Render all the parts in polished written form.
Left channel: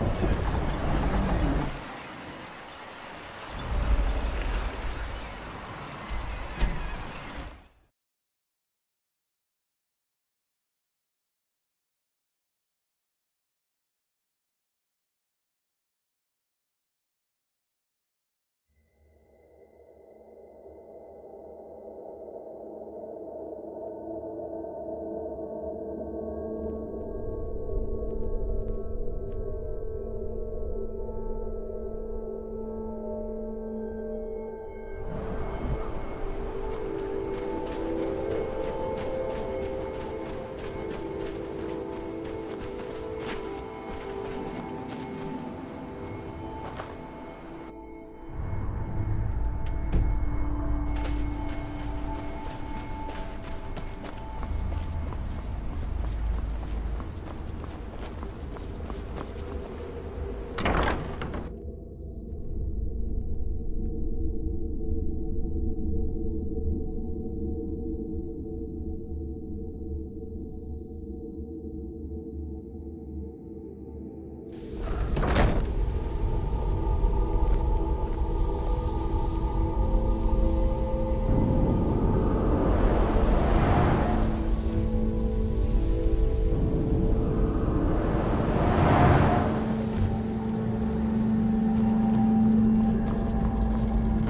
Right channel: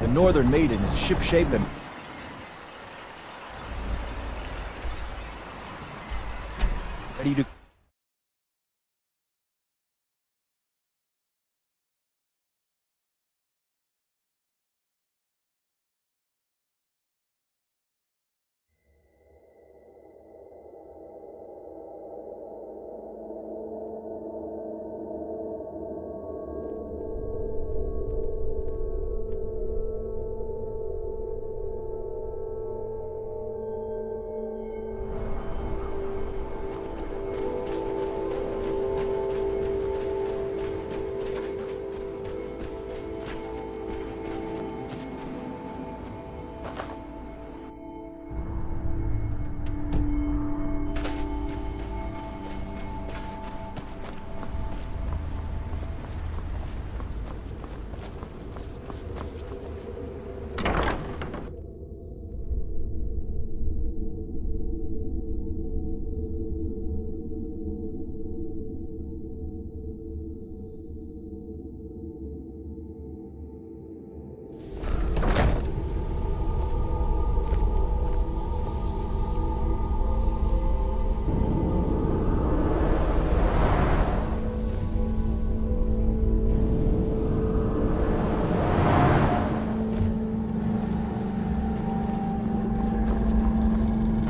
The Northern Maiden is shipshape and ready to...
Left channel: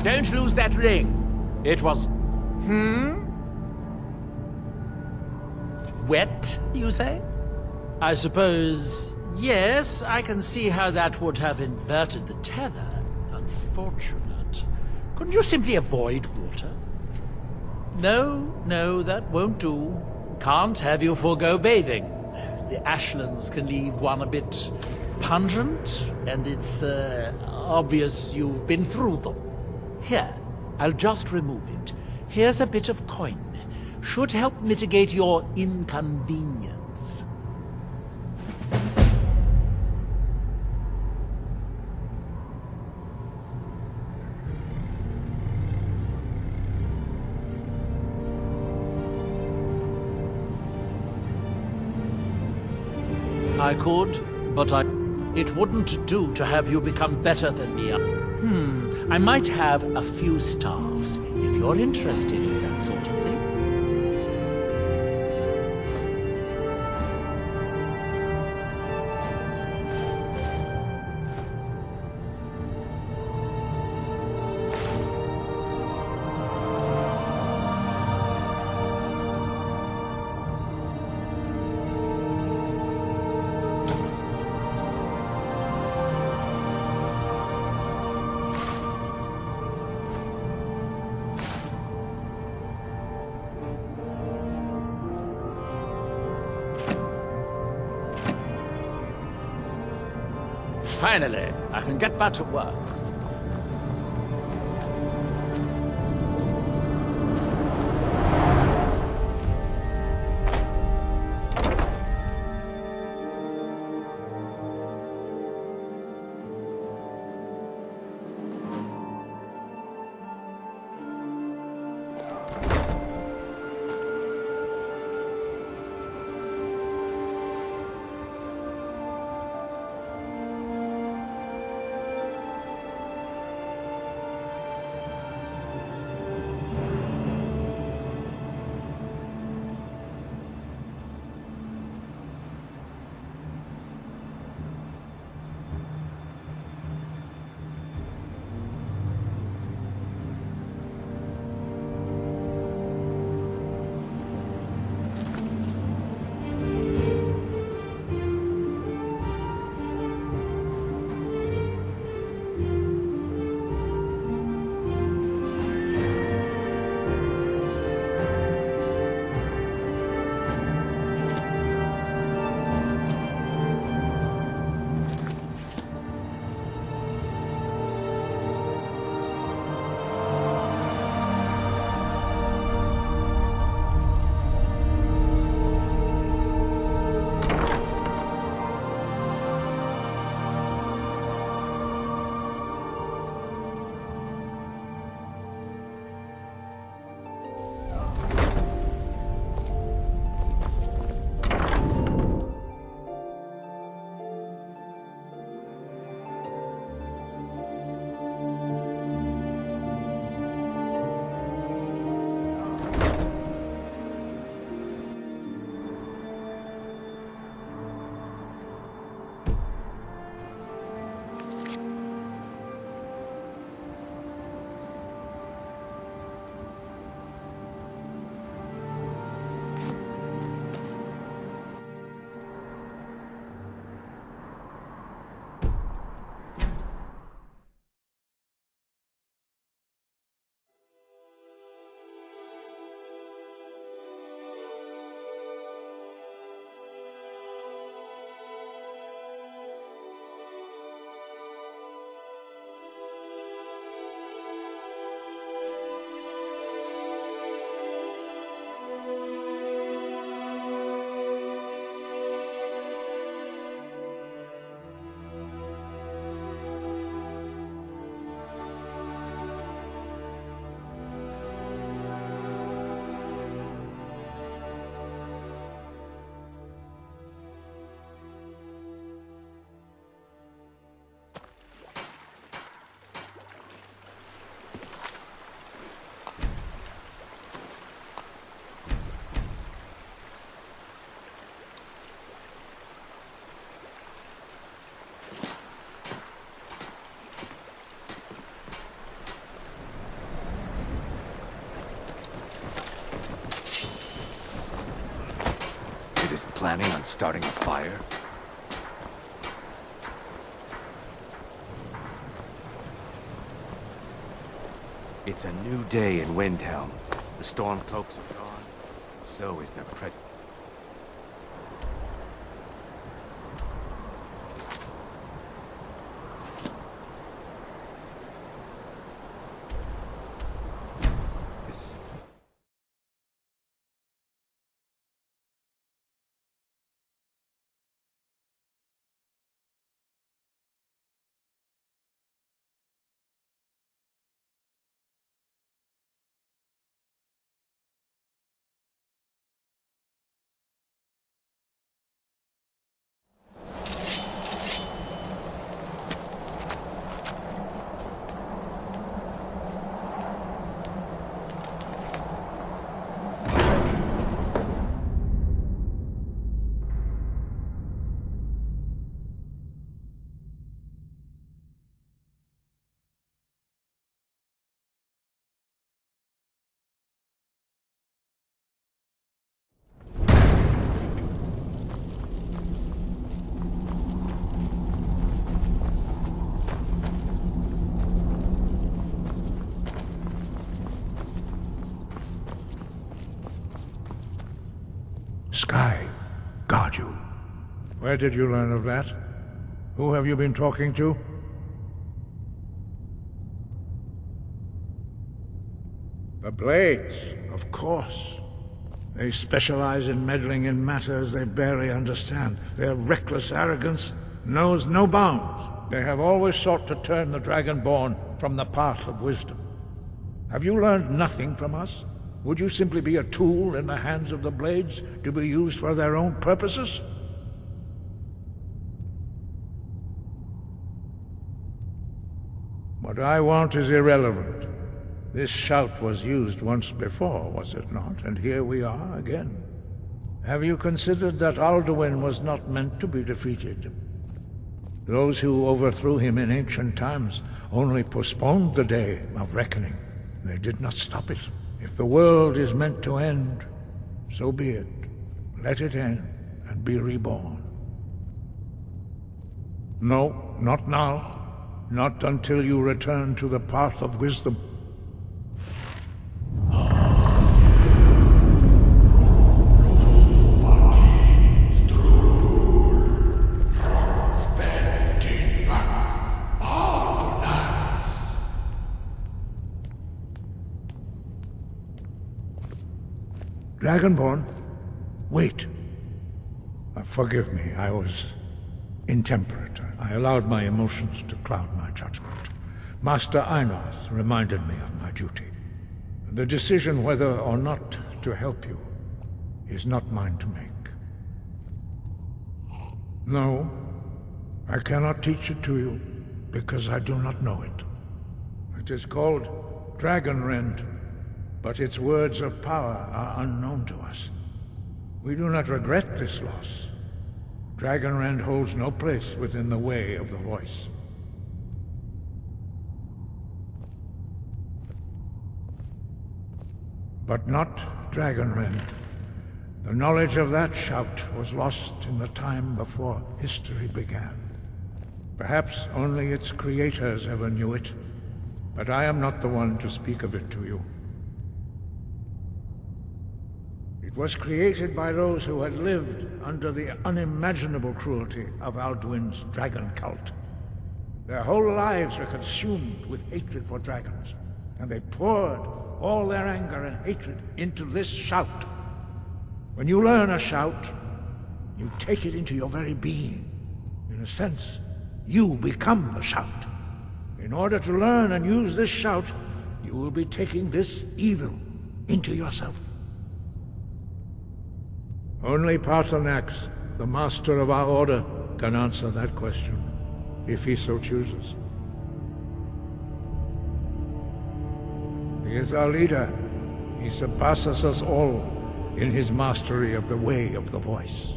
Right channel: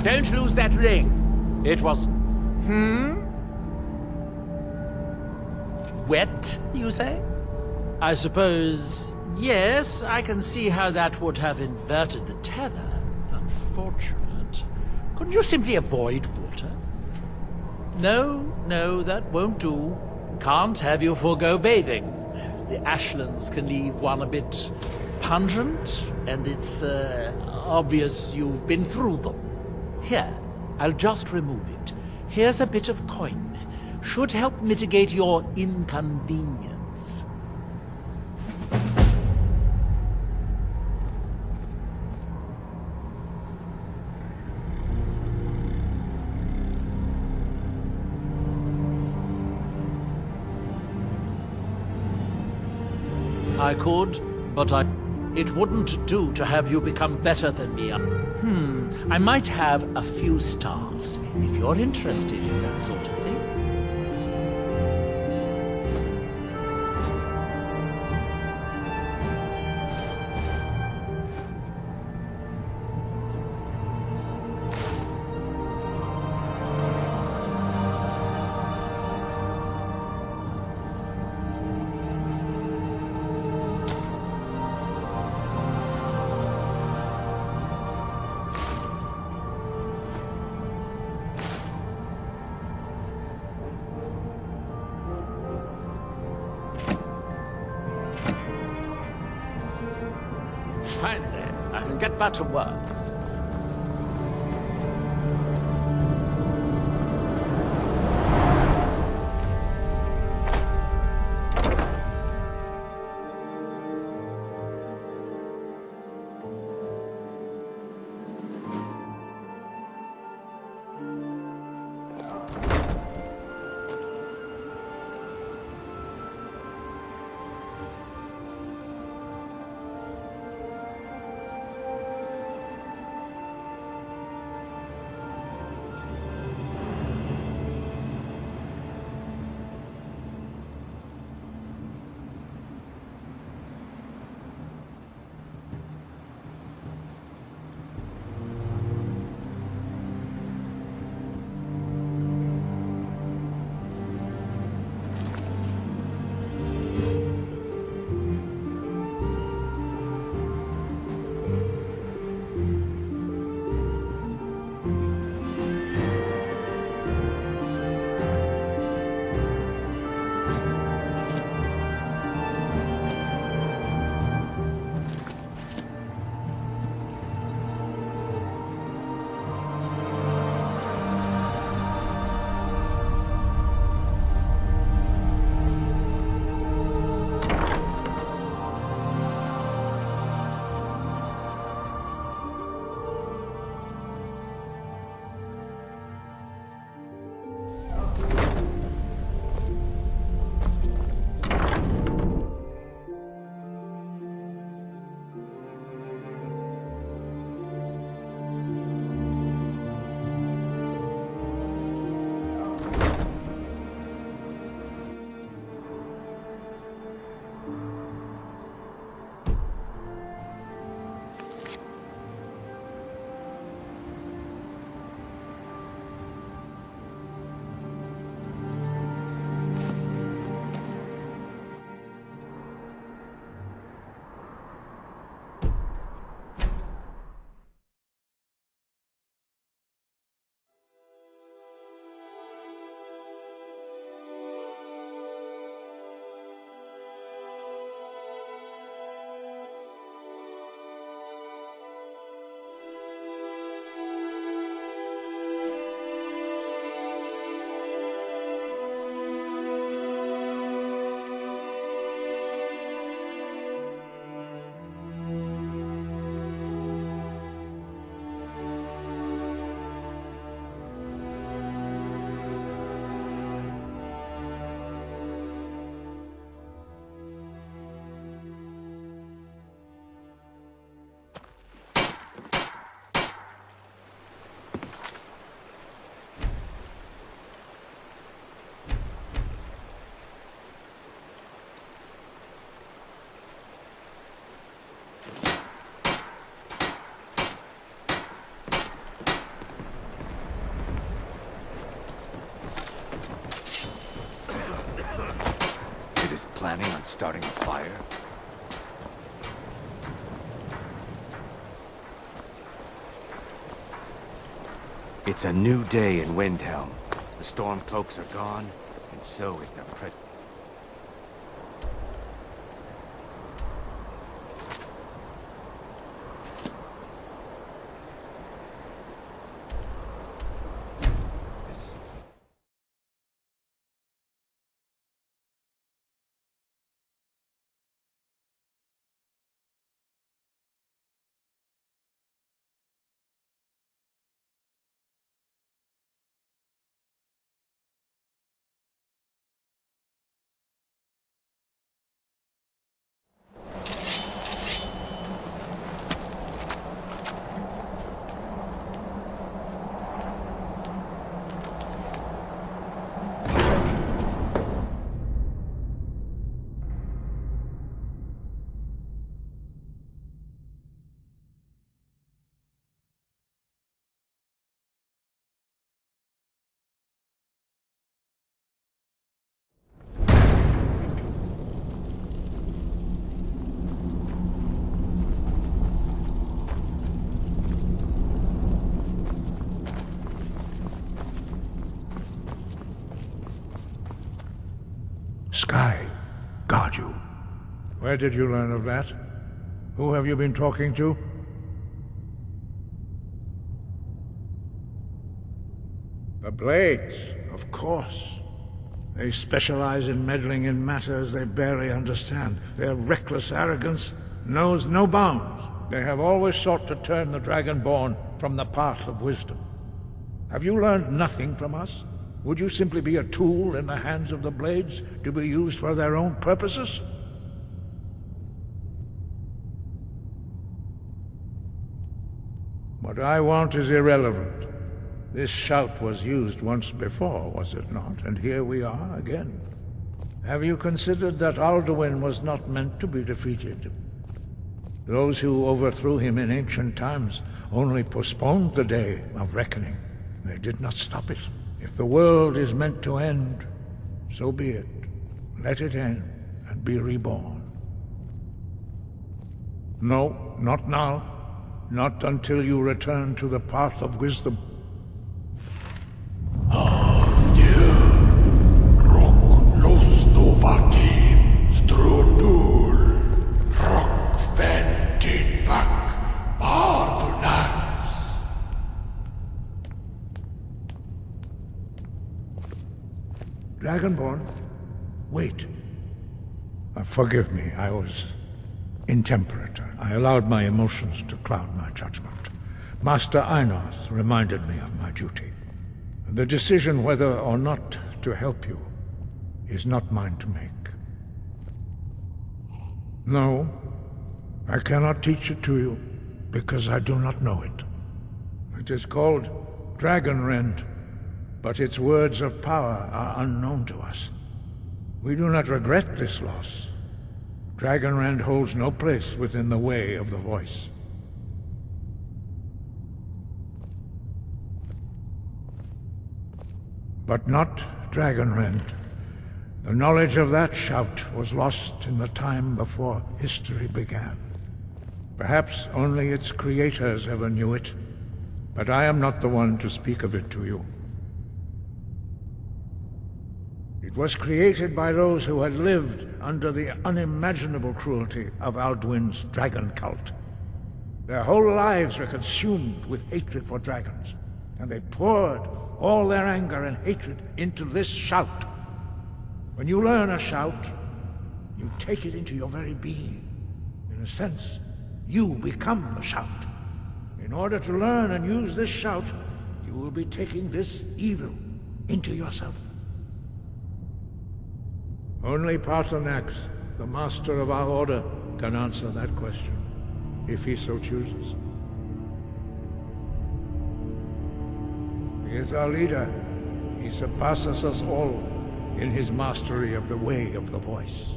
Don't lose that ring. It was... Wet, you say? I suppose... Yes, I can see how that would have inverted the tether. Unfortunate. Couldn't you simply avoid water? No, that won't do. Can't have you forego bathing. The ashlands can leave one a bit pungent, and it's obvious you've been through them. Here, I'll just remove it. Here's a bit of coin. Should help mitigate your inconvenience. I could, but it wouldn't do to have you become better than me. I might have a few staffs, if you're interested in that sort of thing. Finally, I can get back to work. It's a new day. Folks are gone, and so is the pred... This... Sky, guard you. Where did you learn of that? Who have you been talking to? The Blades, of course. They specialize in meddling in matters they barely understand. Their reckless arrogance knows no bounds. They have always sought to turn the Dragonborn from the path of wisdom. Have you learned nothing from us? Would you simply be a tool in the hands of the Blades to be used for their own purposes? What I want is irrelevant. This shout was used once before, was it not? And here we are again. Have you considered that Alduin was not meant to be defeated? Those who overthrew him in ancient times only postponed the day of reckoning. They did not stop it. If the world is meant to end, so be it. Let it end and be reborn. No, not now. Not until you return to the path of wisdom. Dragonborn, wait. Forgive me, I was intemperate. I allowed my emotions to cloud my judgment. Master Einarth reminded me of my duty. The decision whether or not to help you is not mine to make. No, I cannot teach it to you because I do not know it. It is called Dragonrend, but its words of power are unknown to us. We do not regret this loss. Dragonrend holds no place within the way of the voice. But not Dragonrend. The knowledge of that shout was lost in the time before history began. Perhaps only its creators ever knew it, but I am not the one to speak of it to you. It was created by those who had lived under the unimaginable cruelty of Alduin's dragon cult. Their whole lives were consumed with hatred for dragons, and they poured all their anger and hatred into this shout. When you learn a shout, you take it into your very being. In a sense, you become the shout. In order to learn and use this shout, you will be taking this evil into yourself. Only Paarthurnax, the master of our order, can answer that question, if he so chooses. He is our leader. He surpasses us all in his mastery of the way of the voice.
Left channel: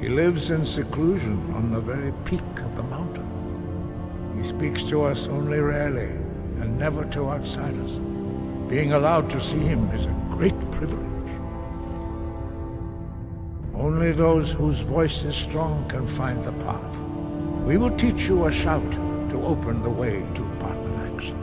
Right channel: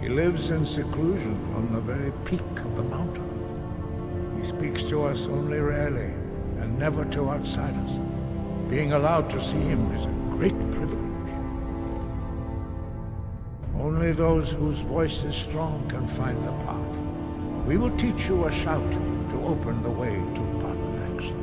He lives in seclusion on the very peak of the mountain. He speaks to us only rarely, and never to outsiders. Being allowed to see him is a great privilege. Only those whose voice is strong can find the path. We will teach you a shout to open the way to Paarthurnax.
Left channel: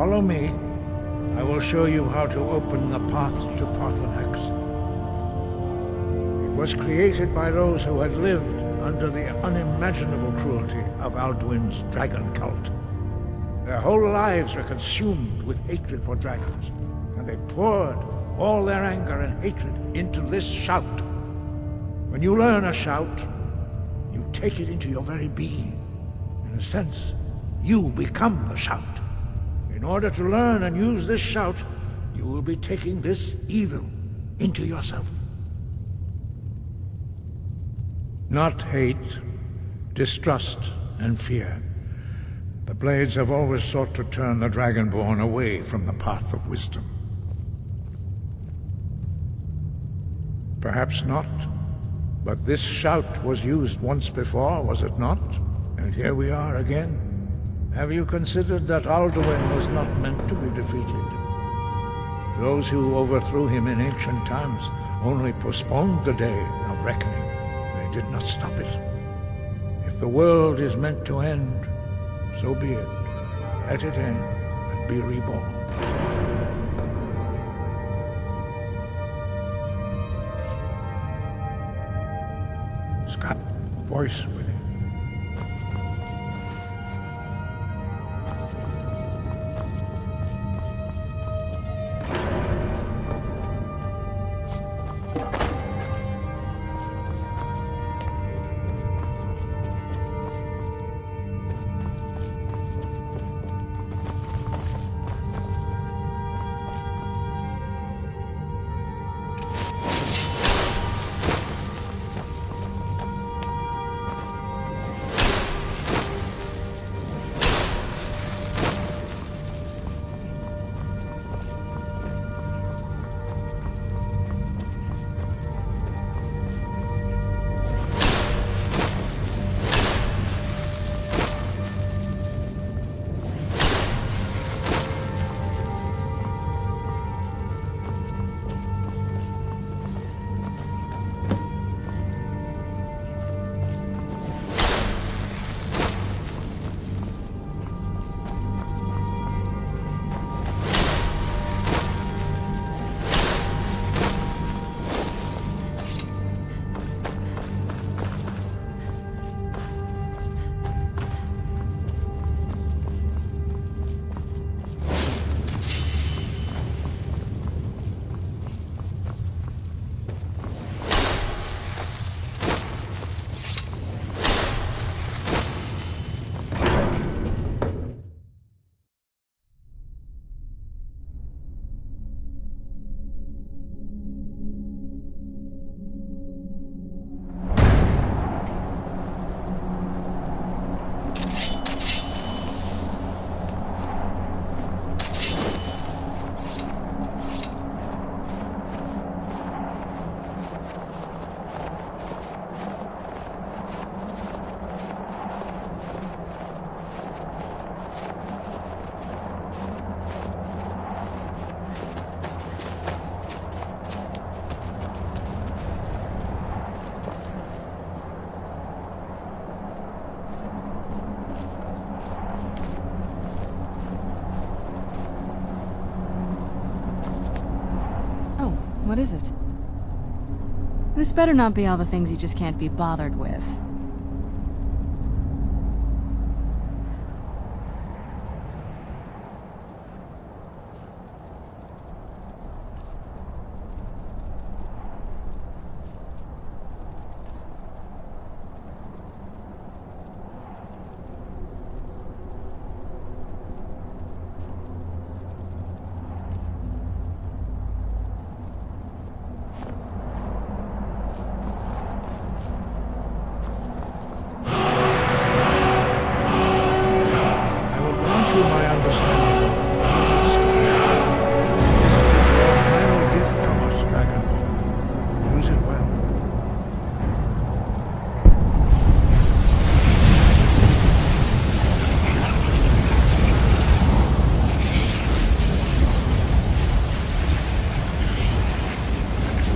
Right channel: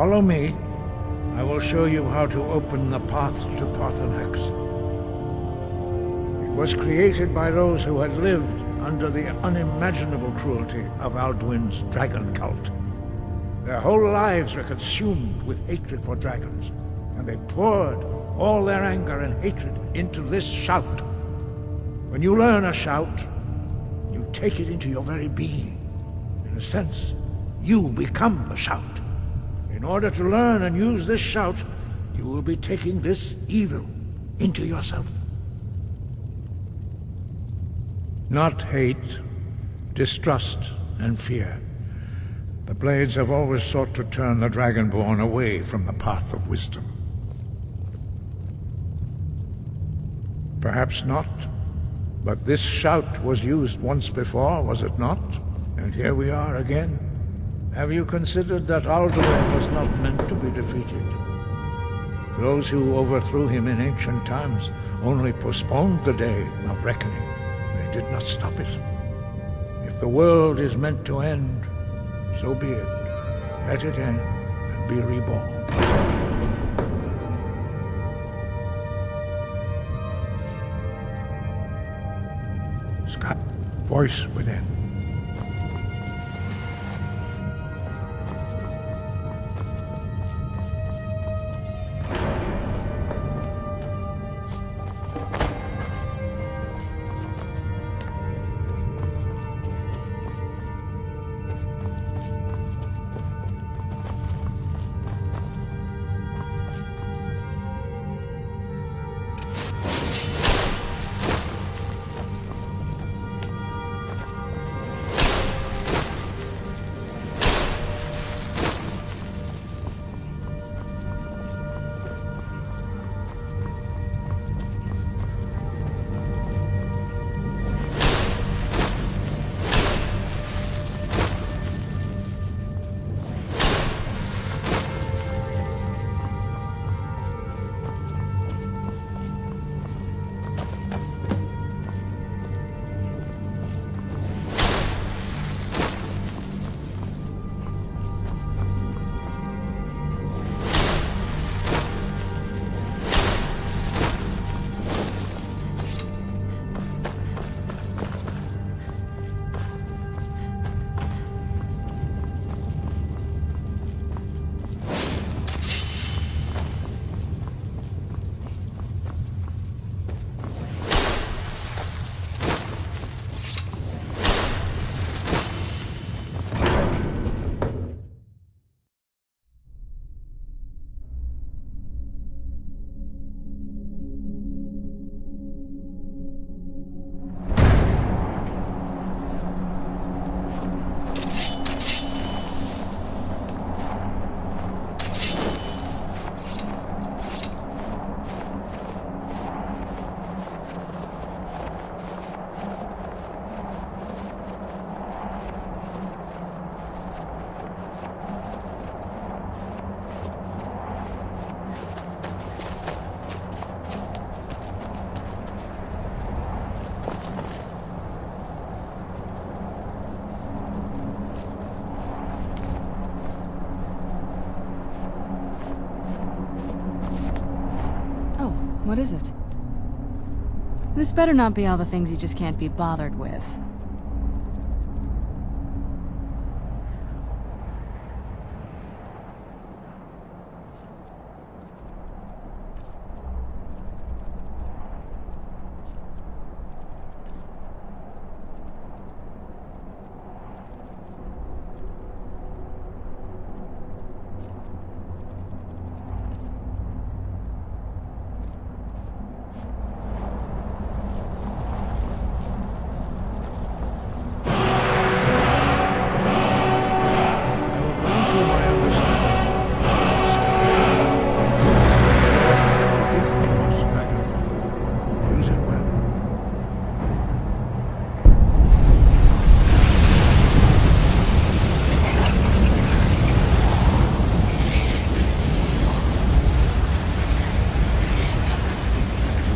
Follow me. I will show you how to open the path to Parthenax. It was created by those who had lived under the unimaginable cruelty of Alduin's dragon cult. Their whole lives were consumed with hatred for dragons, and they poured all their anger and hatred into this shout. When you learn a shout, you take it into your very being. In a sense, you become the shout. In order to learn and use this shout, you will be taking this evil into yourself. Not hate, distrust, and fear. The Blades have always sought to turn the Dragonborn away from the path of wisdom. Perhaps not, but this shout was used once before, was it not? And here we are again. Have you considered that Alduin was not meant to be defeated? Those who overthrew him in ancient times only postponed the day of reckoning. They did not stop it. If the world is meant to end, so be it. Let it end and be reborn. Sky, voice within. What is it? This better not be all the things you just can't be bothered with. My understanding of Skyrim. This is your final gift from us, Dragonborn. Use it well.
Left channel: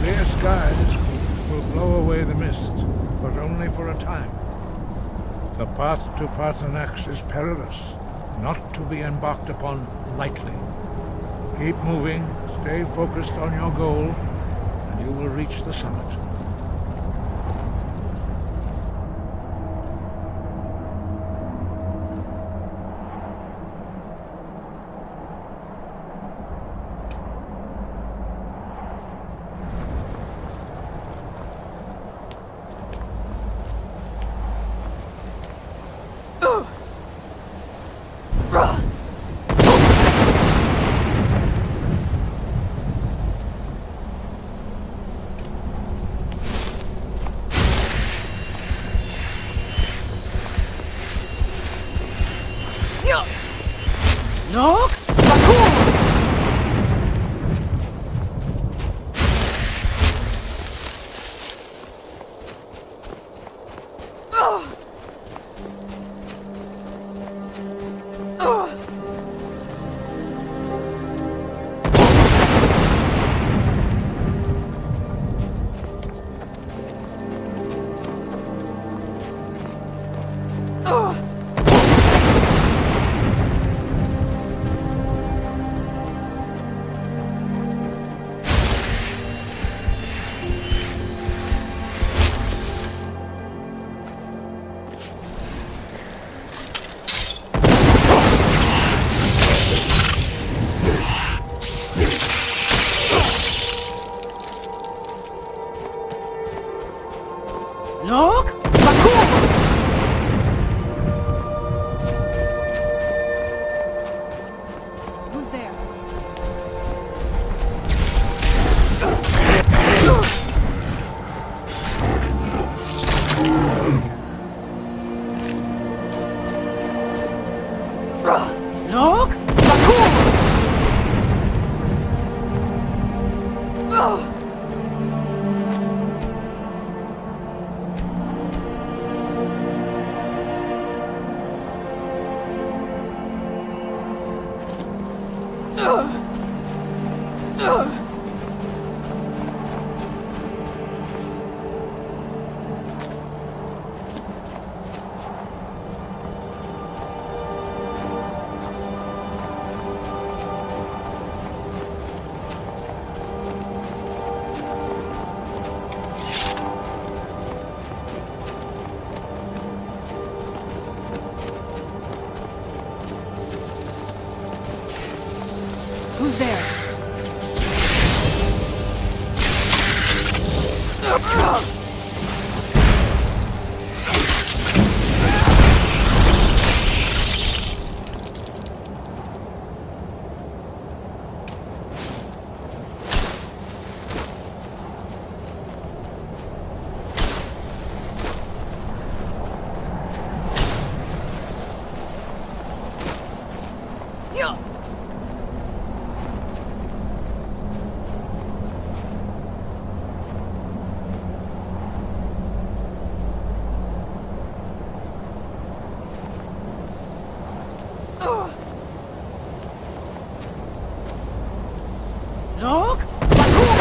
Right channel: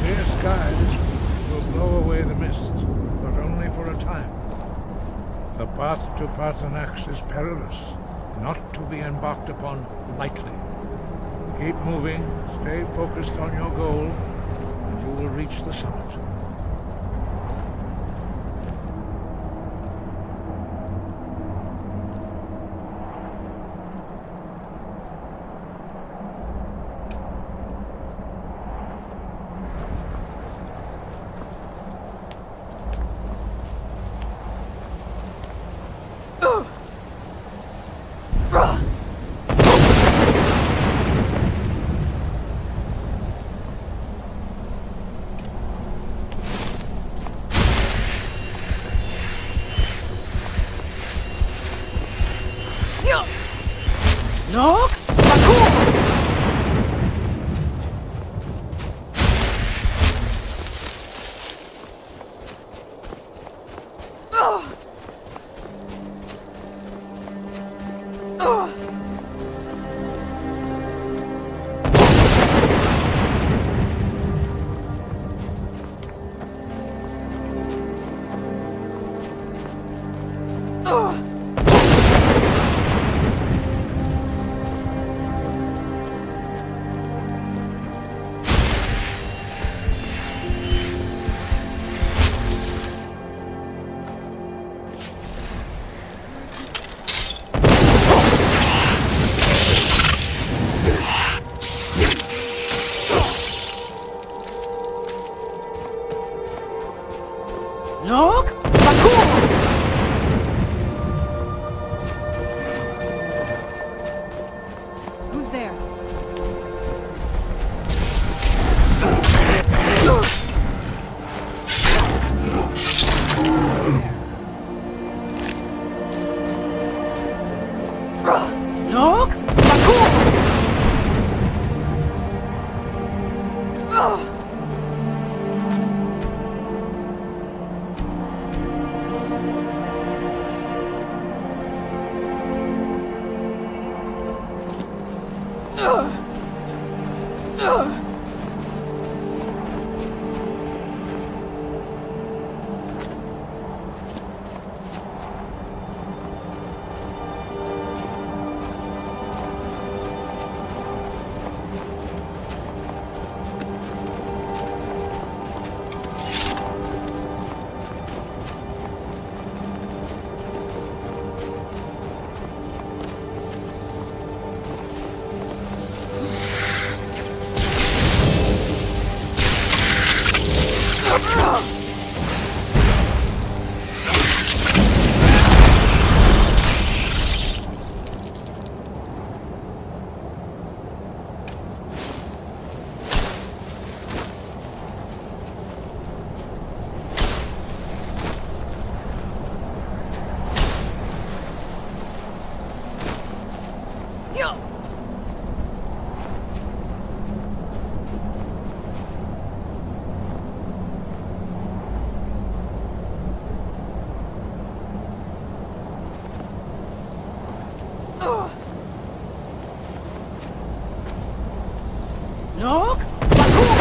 Clear skies will blow away the mist, but only for a time. The path to Parthenax is perilous. not to be embarked upon lightly. Keep moving, stay focused on your goal, and you will reach the summit. Look! Bakur! Look! Bakur! Look! Bakur! Who's there? Look! Bakur!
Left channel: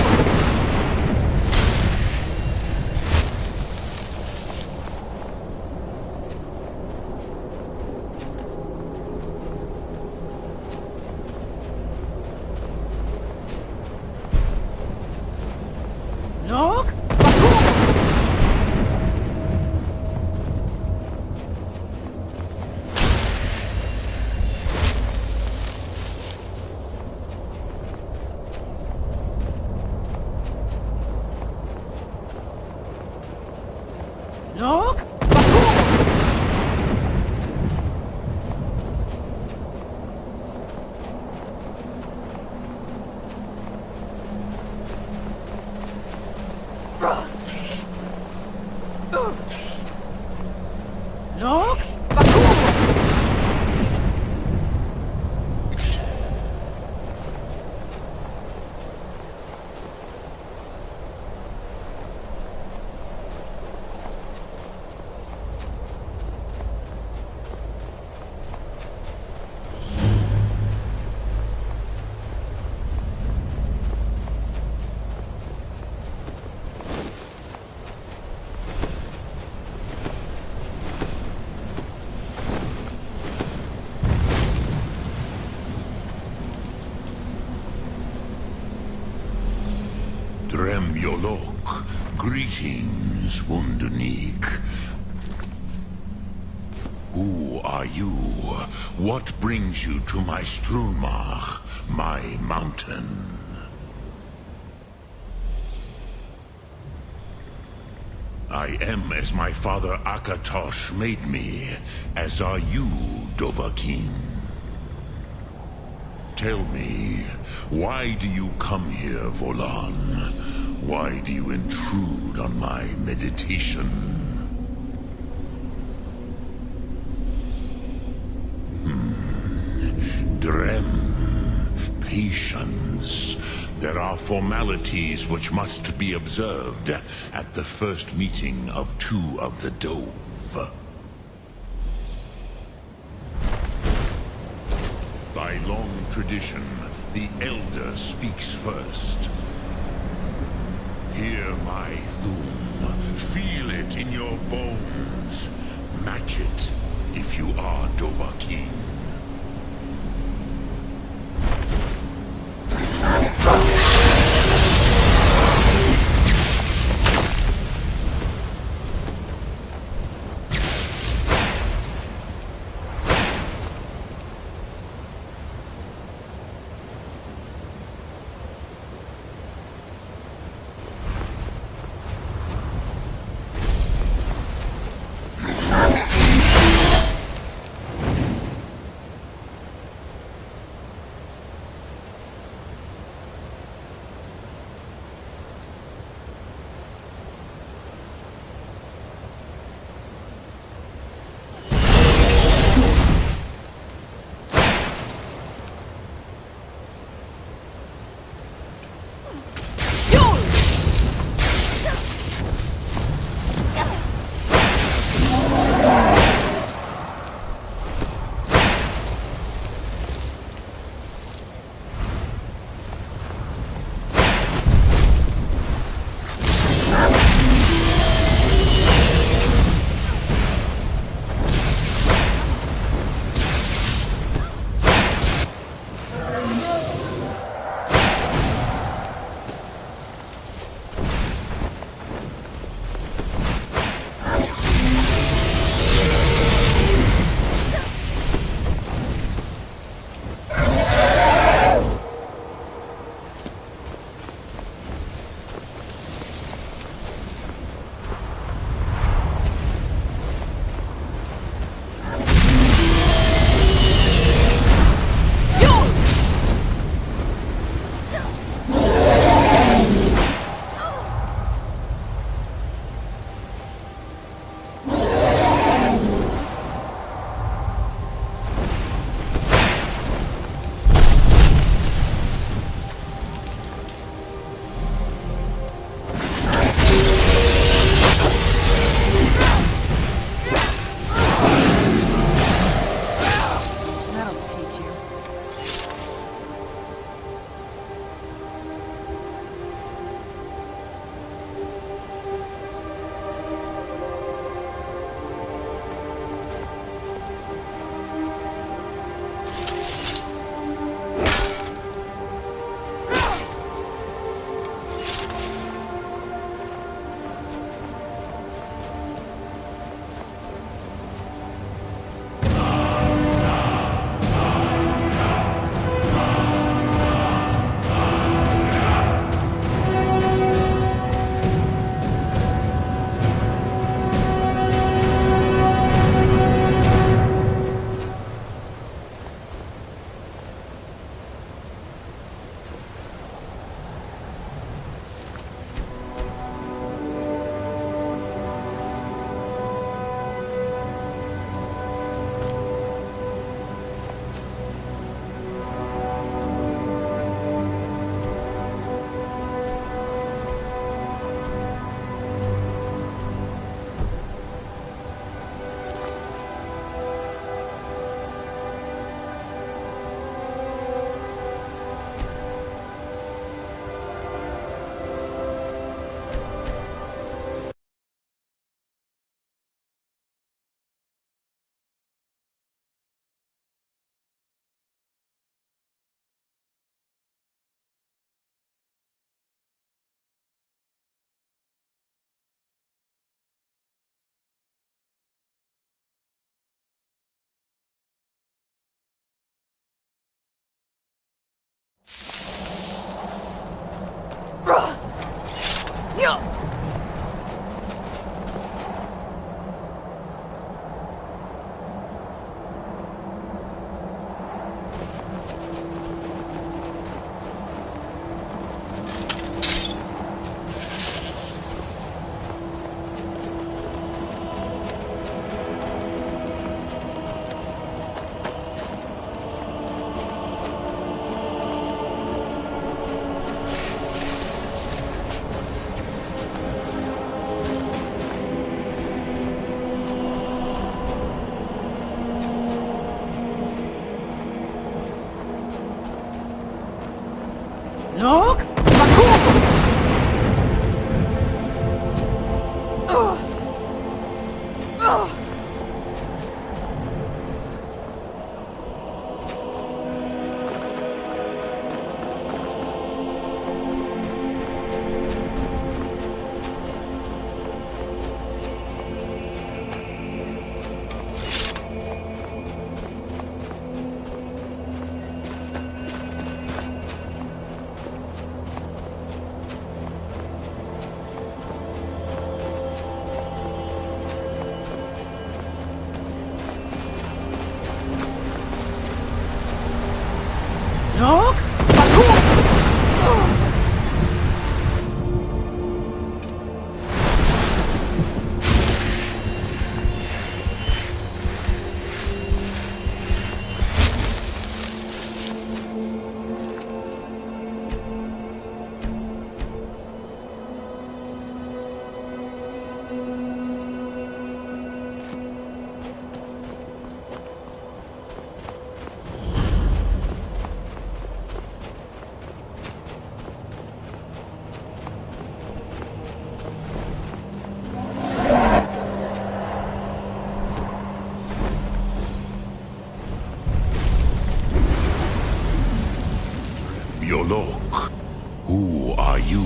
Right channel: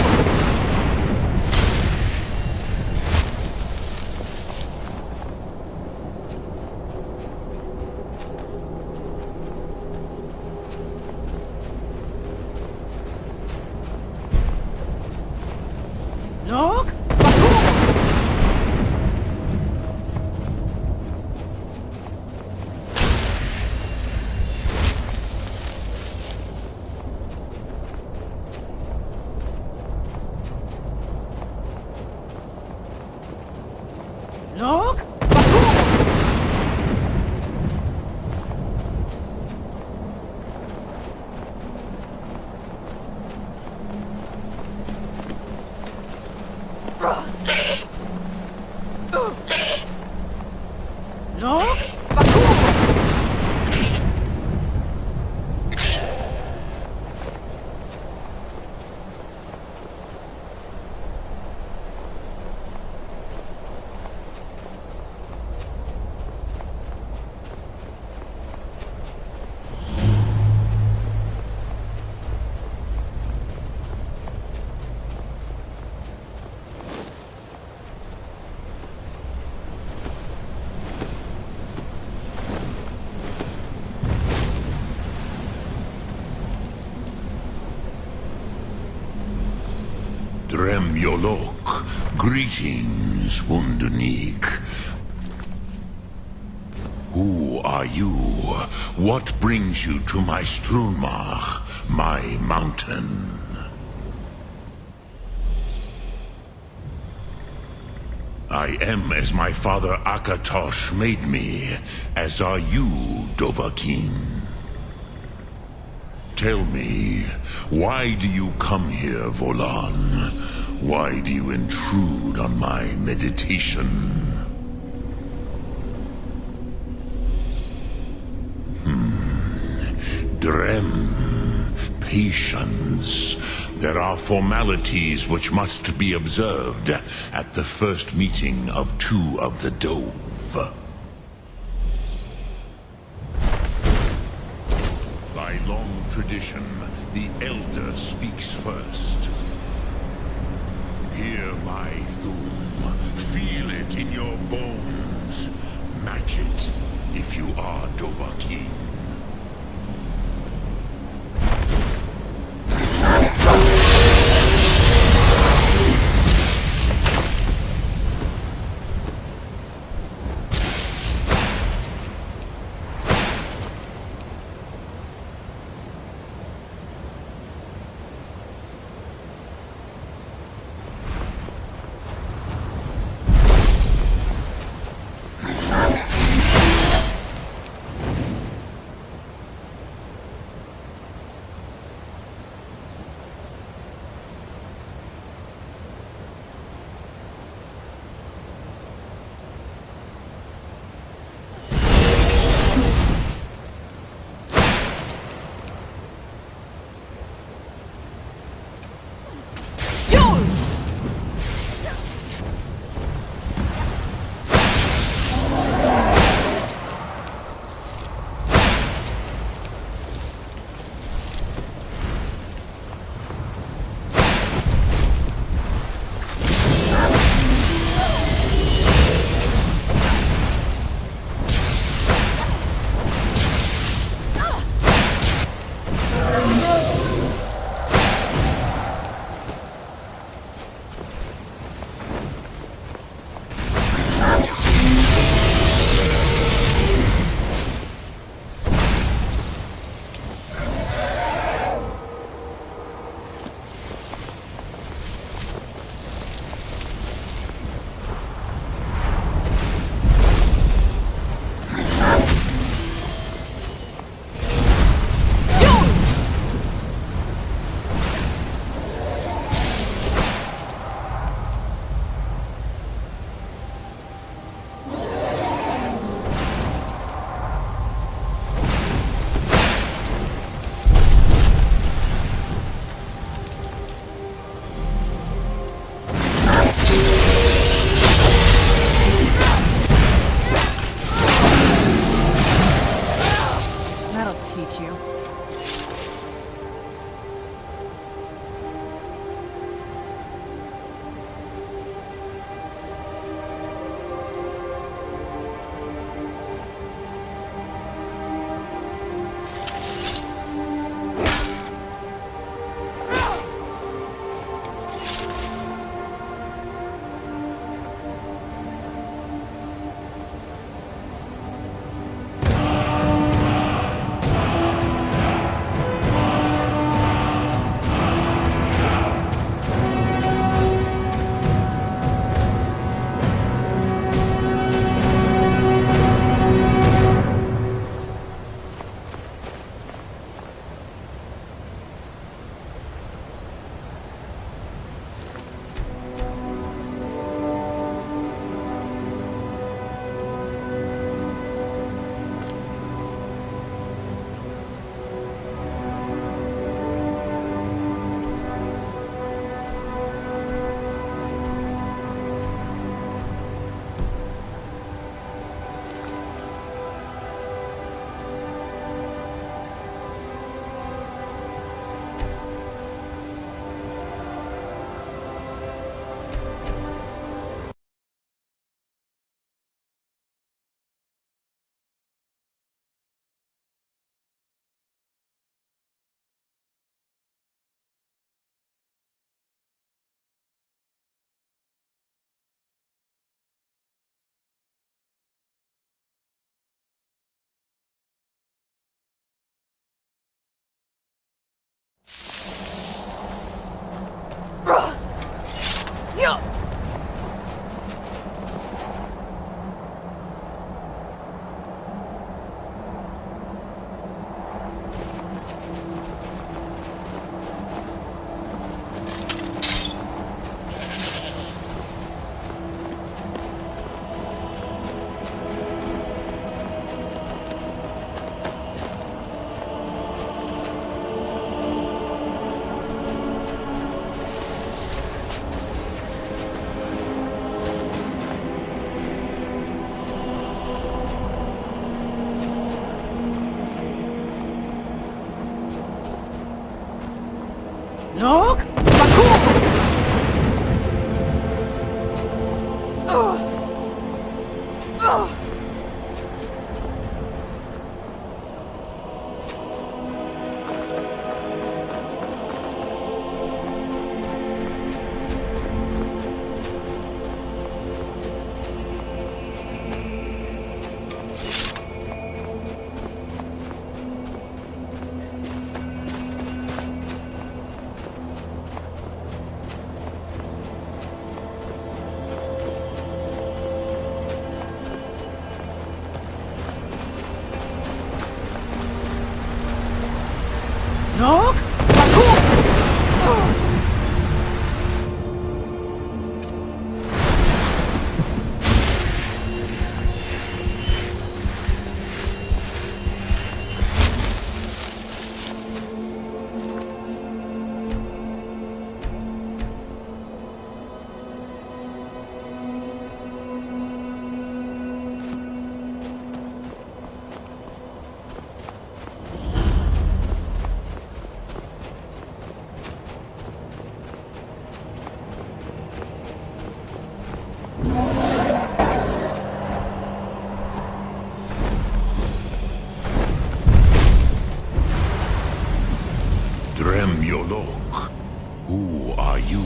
Look! Bakur! Look! Bakur! Look! Bakur! Drem Yolok. Greetings, Wundernik. Who are you? What brings you to my Strunmach, my mountain? I am as my father Akatosh made me, as are you, Dovahkiin. Tell me, why do you come here, Volan? Why do you intrude on my meditation? Drem, patience. There are formalities which must be observed at the first meeting of two of the Dove. By long tradition, the Elder speaks first. Hear my Thum. Feel it in your bones. Match it if you are Dovahkiin. Look! Baku! Look! Baku! Yolok, who are you?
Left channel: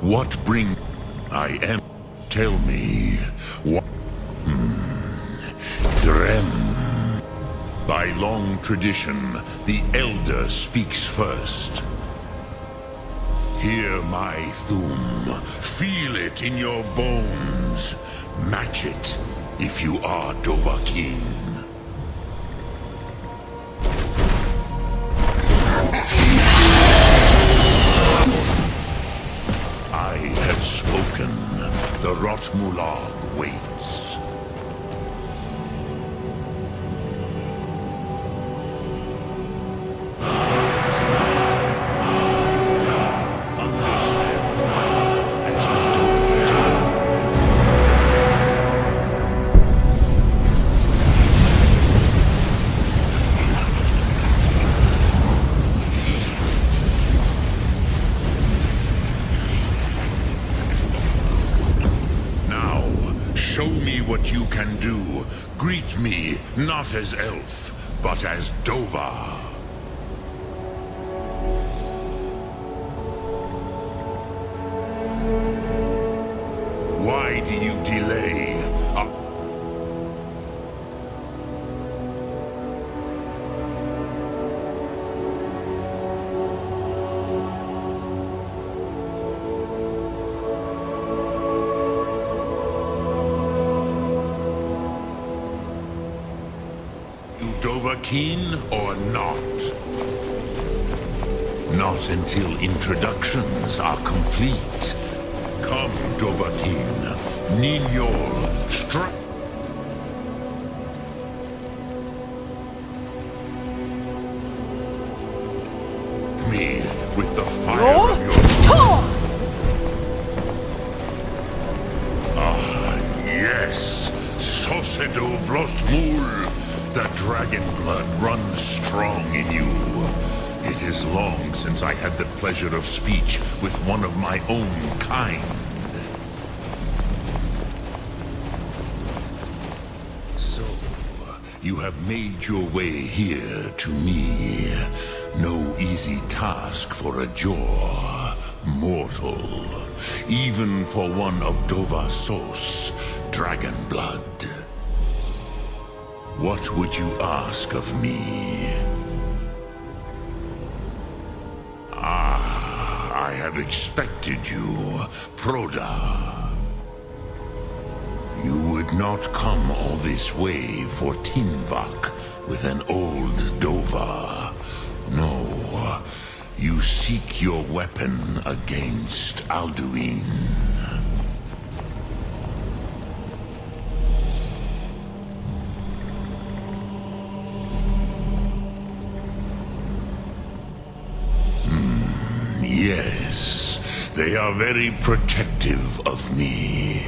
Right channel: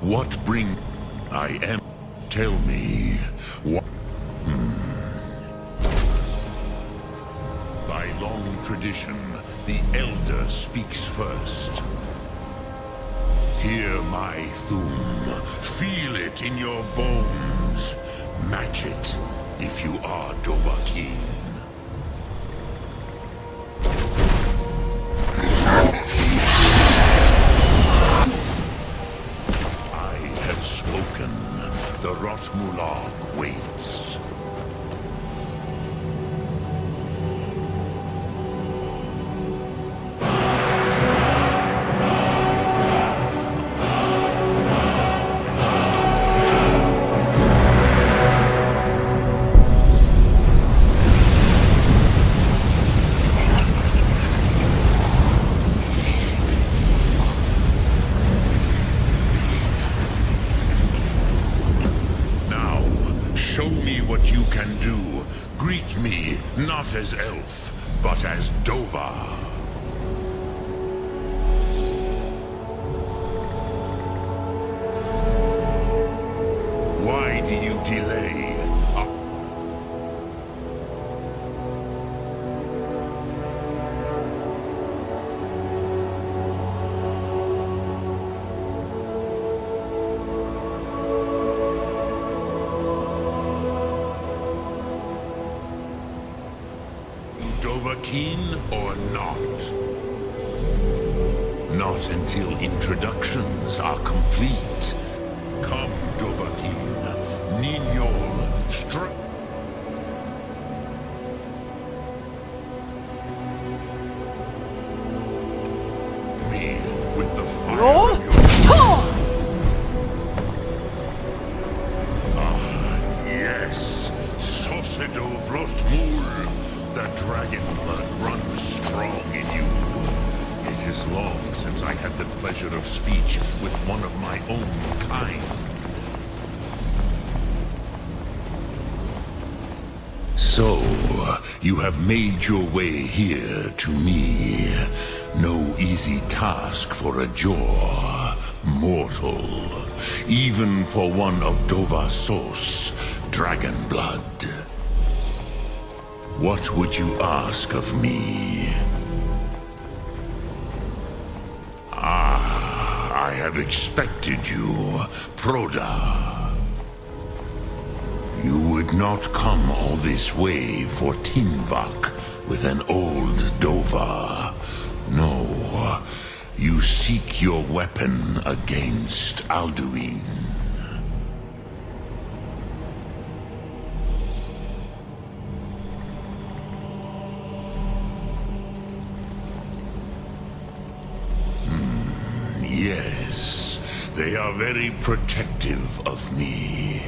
What bring... I am... Tell me, what... Drem. By long tradition, the Elder speaks first. Hear my Thum. Feel it in your bones. Match it, if you are Dovahkiin. Show me what you can do. Greet me, not as elf, but as Dova. Why do you delay? Dovahkiin or not? Not until introductions are complete. Come, Dovahkiin. Ninyol, strike me with the fire of your... Ah, yes. Sosedo Vlostmul. The dragon blood runs strong in you. It is long since I had the pleasure of speech with one of my own kind. So, you have made your way here to me. No easy task for a Jor, mortal. Even for one of Dova Sos, dragon blood. What would you ask of me? Ah, I have expected you, Proda. You would not come all this way for Tinvak with an old Dova. No, you seek your weapon against Alduin. Yes, they are very protective of me,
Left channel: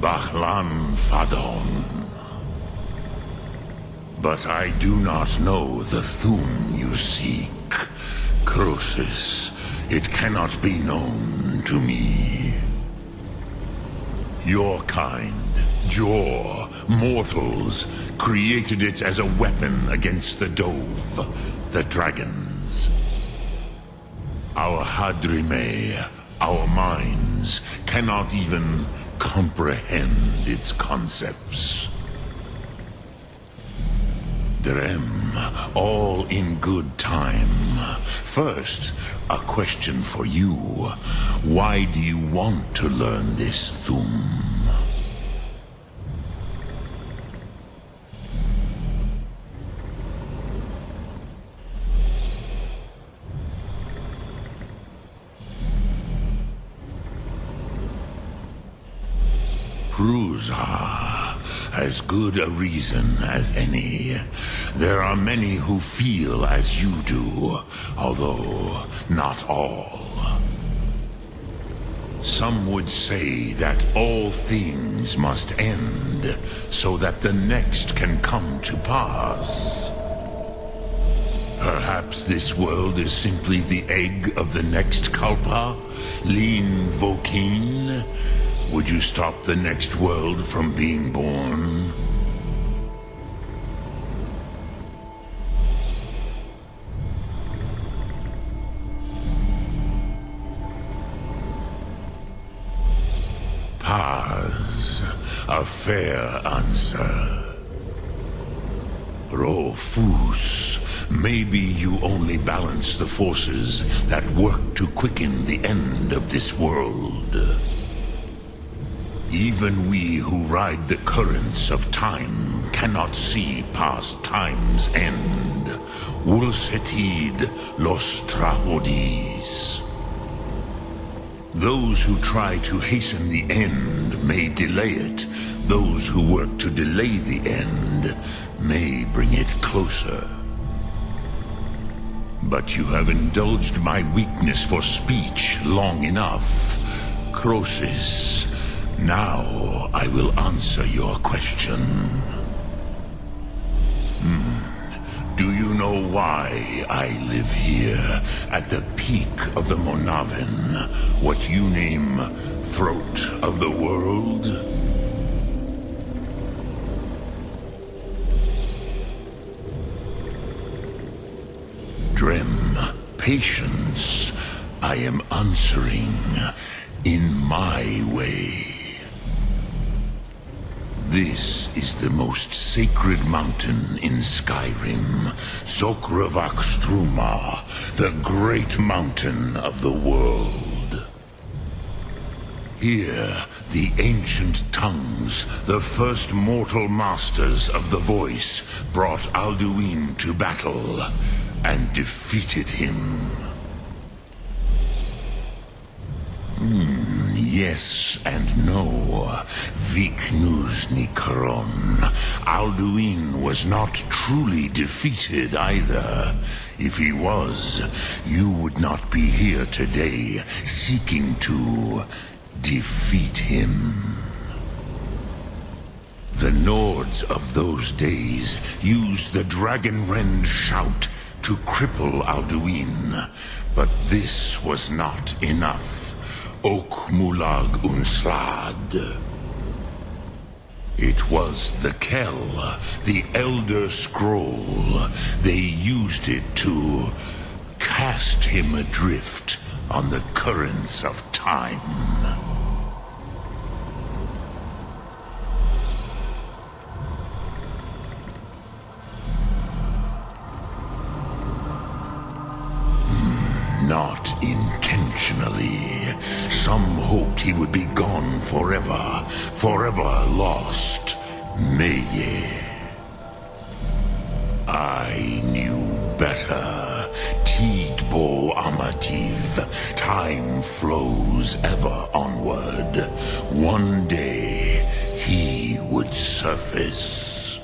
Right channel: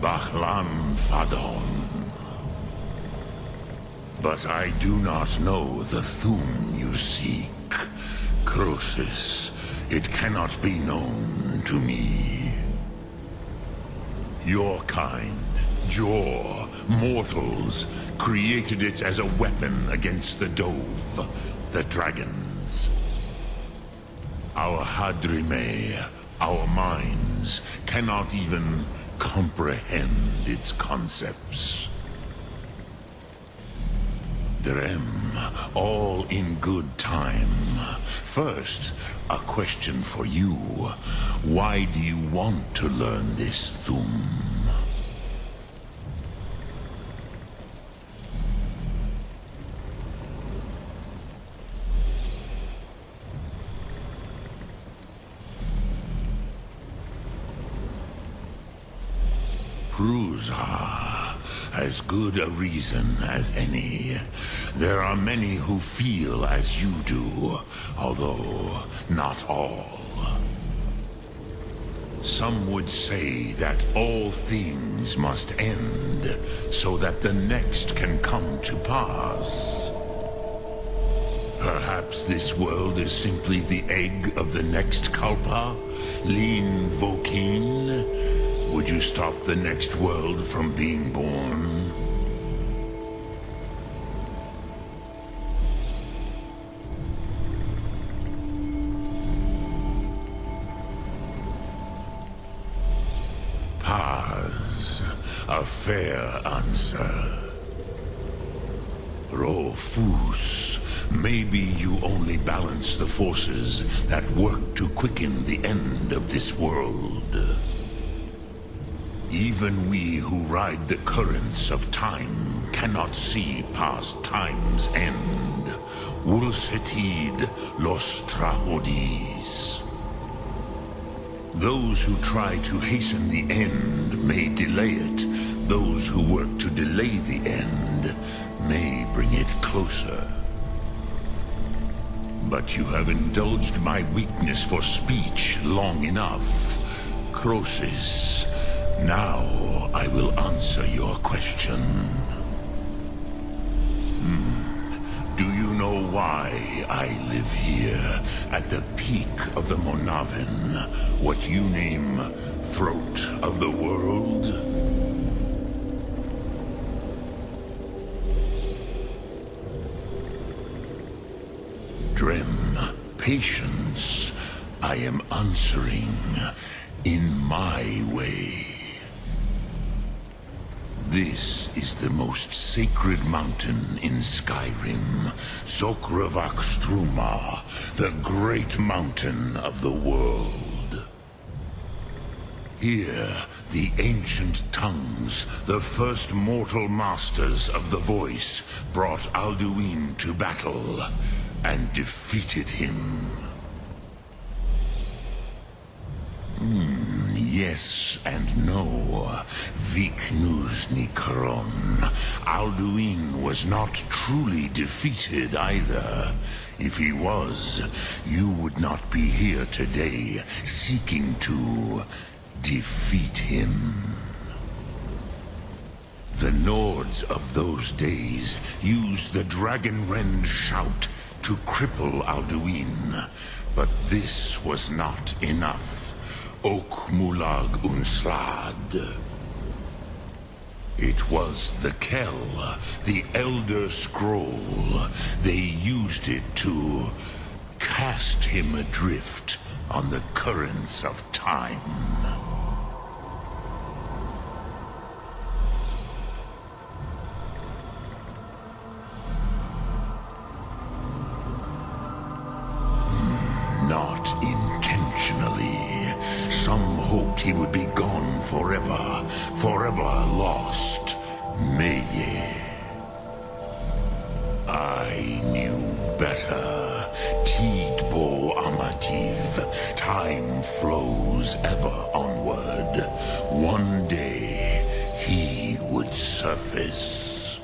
Bachlan Fadon. But I do not know the Thum you seek. Croesus, it cannot be known to me. Your kind, Jor, mortals, created it as a weapon against the Dove, the dragons. Our Hadrime, our minds, cannot even comprehend its concepts. Drem, all in good time. First, a question for you. Why do you want to learn this Thum? Prusa, as good a reason as any. There are many who feel as you do, although not all. Some would say that all things must end, so that the next can come to pass. Perhaps this world is simply the egg of the next Kalpa, Lin Vokin. Would you stop the next world from being born? Paz, a fair answer. Rofus, maybe you only balance the forces that work to quicken the end of this world. Even we who ride the currents of time cannot see past time's end. Wulsetid los trahodis. Those who try to hasten the end may delay it. Those who work to delay the end may bring it closer. But you have indulged my weakness for speech long enough. Croesus, now I will answer your question. Do you know why I live here, at the peak of the Monavin, what you name Throat of the World? Drem, patience. I am answering in my way. This is the most sacred mountain in Skyrim, Zokravak Struma, the great mountain of the world. Here, the ancient tongues, the first mortal masters of the voice, brought Alduin to battle and defeated him. Yes and no. Viknus Nikron. Alduin was not truly defeated either. If he was, you would not be here today seeking to defeat him. The Nords of those days used the Dragonrend shout to cripple Alduin, but this was not enough. Ok Mulag Unslad. It was the Kell, the Elder Scroll. They used it to cast him adrift on the currents of time. Not intentionally. bitterly. Some hoped he would be gone forever, forever lost. Meye. I knew better. Tidbo Amativ. Time flows ever onward. One day, he would surface.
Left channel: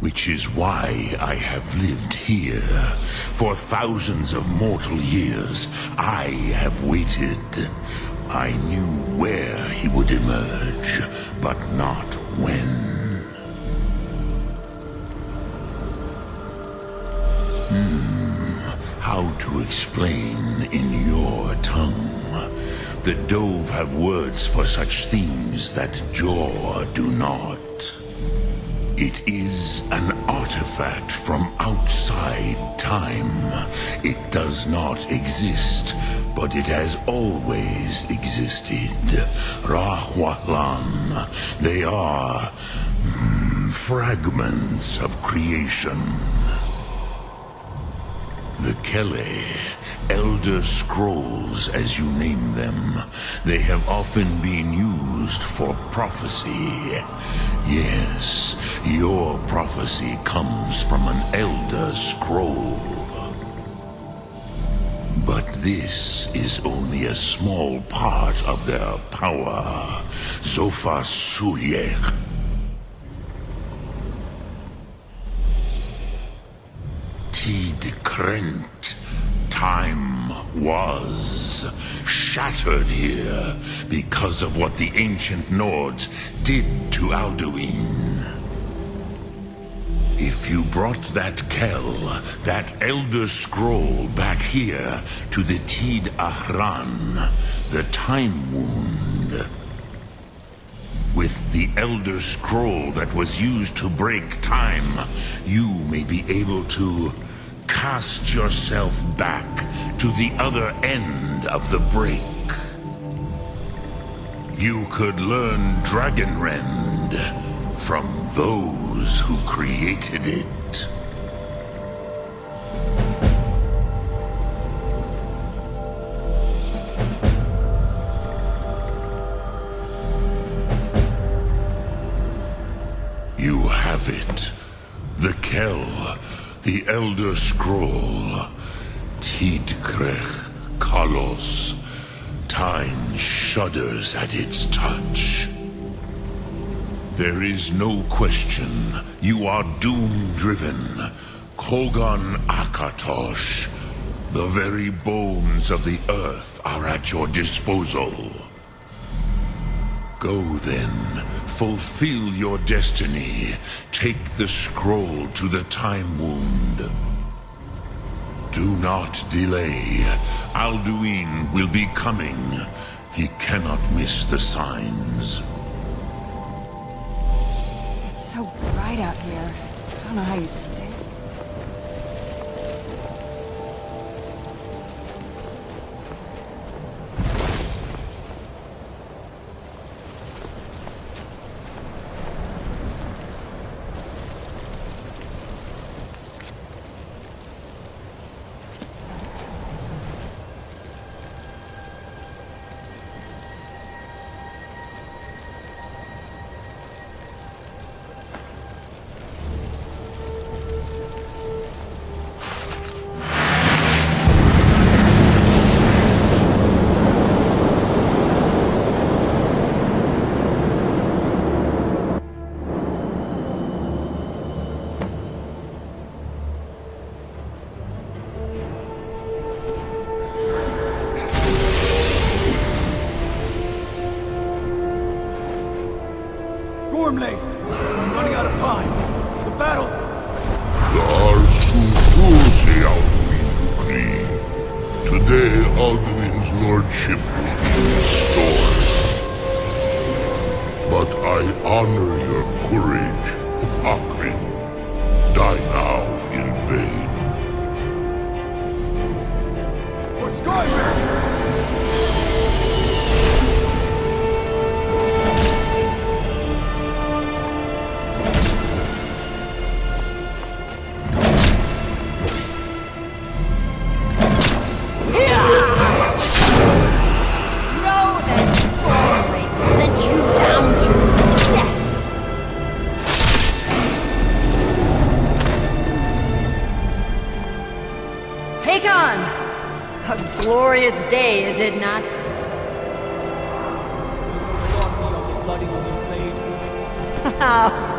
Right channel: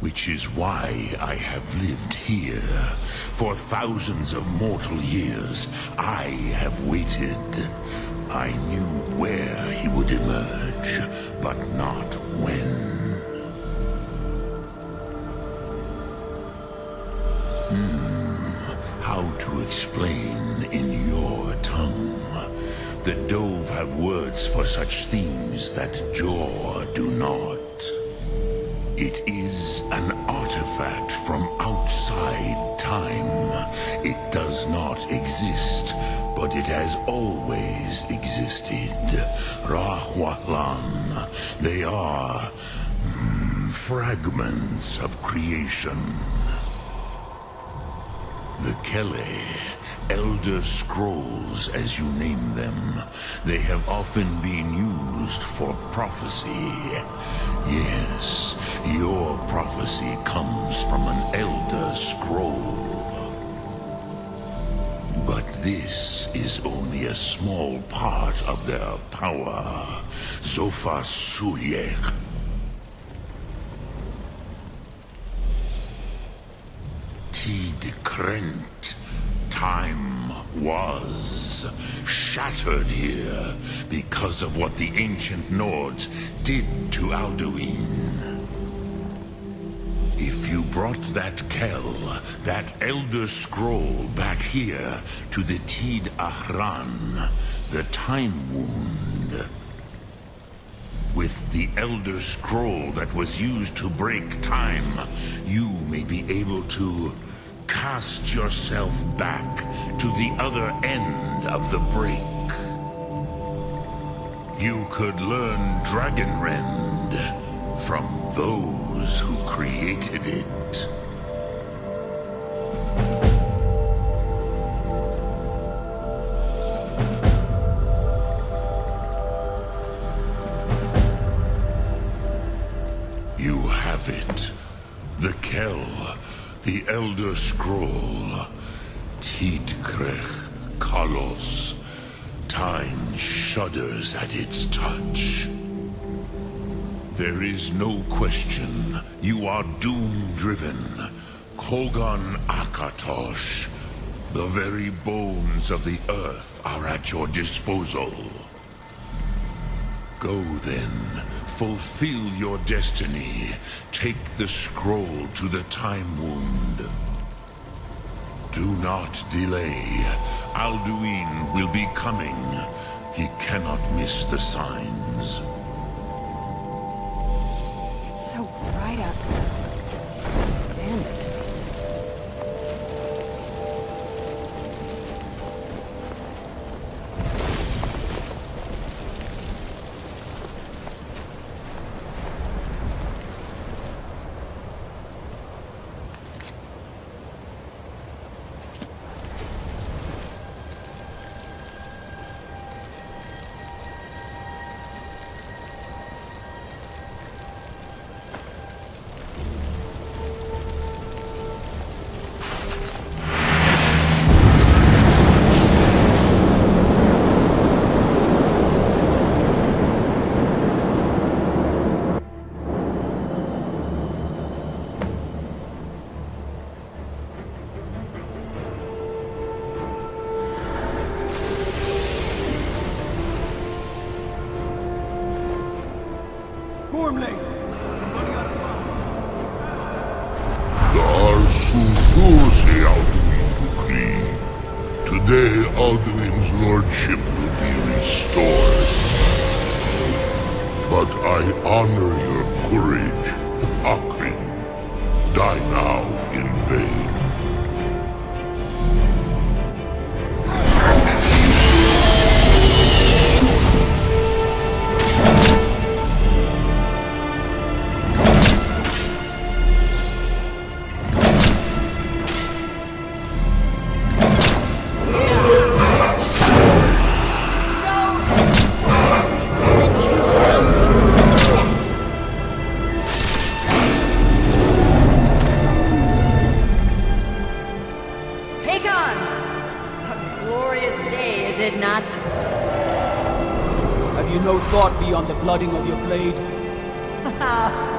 Which is why I have lived here. For thousands of mortal years, I have waited. I knew where he would emerge, but not when. How to explain in your tongue? The Dove have words for such things that Jor do not. It is an artifact from outside time. It does not exist, but it has always existed. Rahwalan. They are fragments of creation. The Kele, Elder Scrolls as you name them, they have often been used for prophecy. Yes, your prophecy comes from an Elder Scroll. But this is only a small part of their power. Zofa Suyek. Tid Krent. Time was shattered here because of what the ancient Nords did to Alduin. If you brought that Kel, that Elder Scroll back here to the Tid Ahran, the Time Wound, with the Elder Scroll that was used to break time, you may be able to cast yourself back to the other end of the break. You could learn Dragonrend from those who created it. You have it. The Kel, the Elder Scroll, Tidkrech Kalos. Time shudders at its touch. There is no question. You are doom-driven. Kogan Akatosh. The very bones of the earth are at your disposal. Go then, fulfill your destiny. Take the scroll to the Time Wound. Do not delay. Alduin will be coming. He cannot miss the signs. I don't know how you stand it. Gormley! I'm running out of time. The battle! Darsufusi Alduin Ukri. Today Alduin's lordship will be restored. But I honor your courage, Thakrin. Die now in vain. For Skyrim! glorious day, is it not? Have you no thought beyond the blooding of your blade?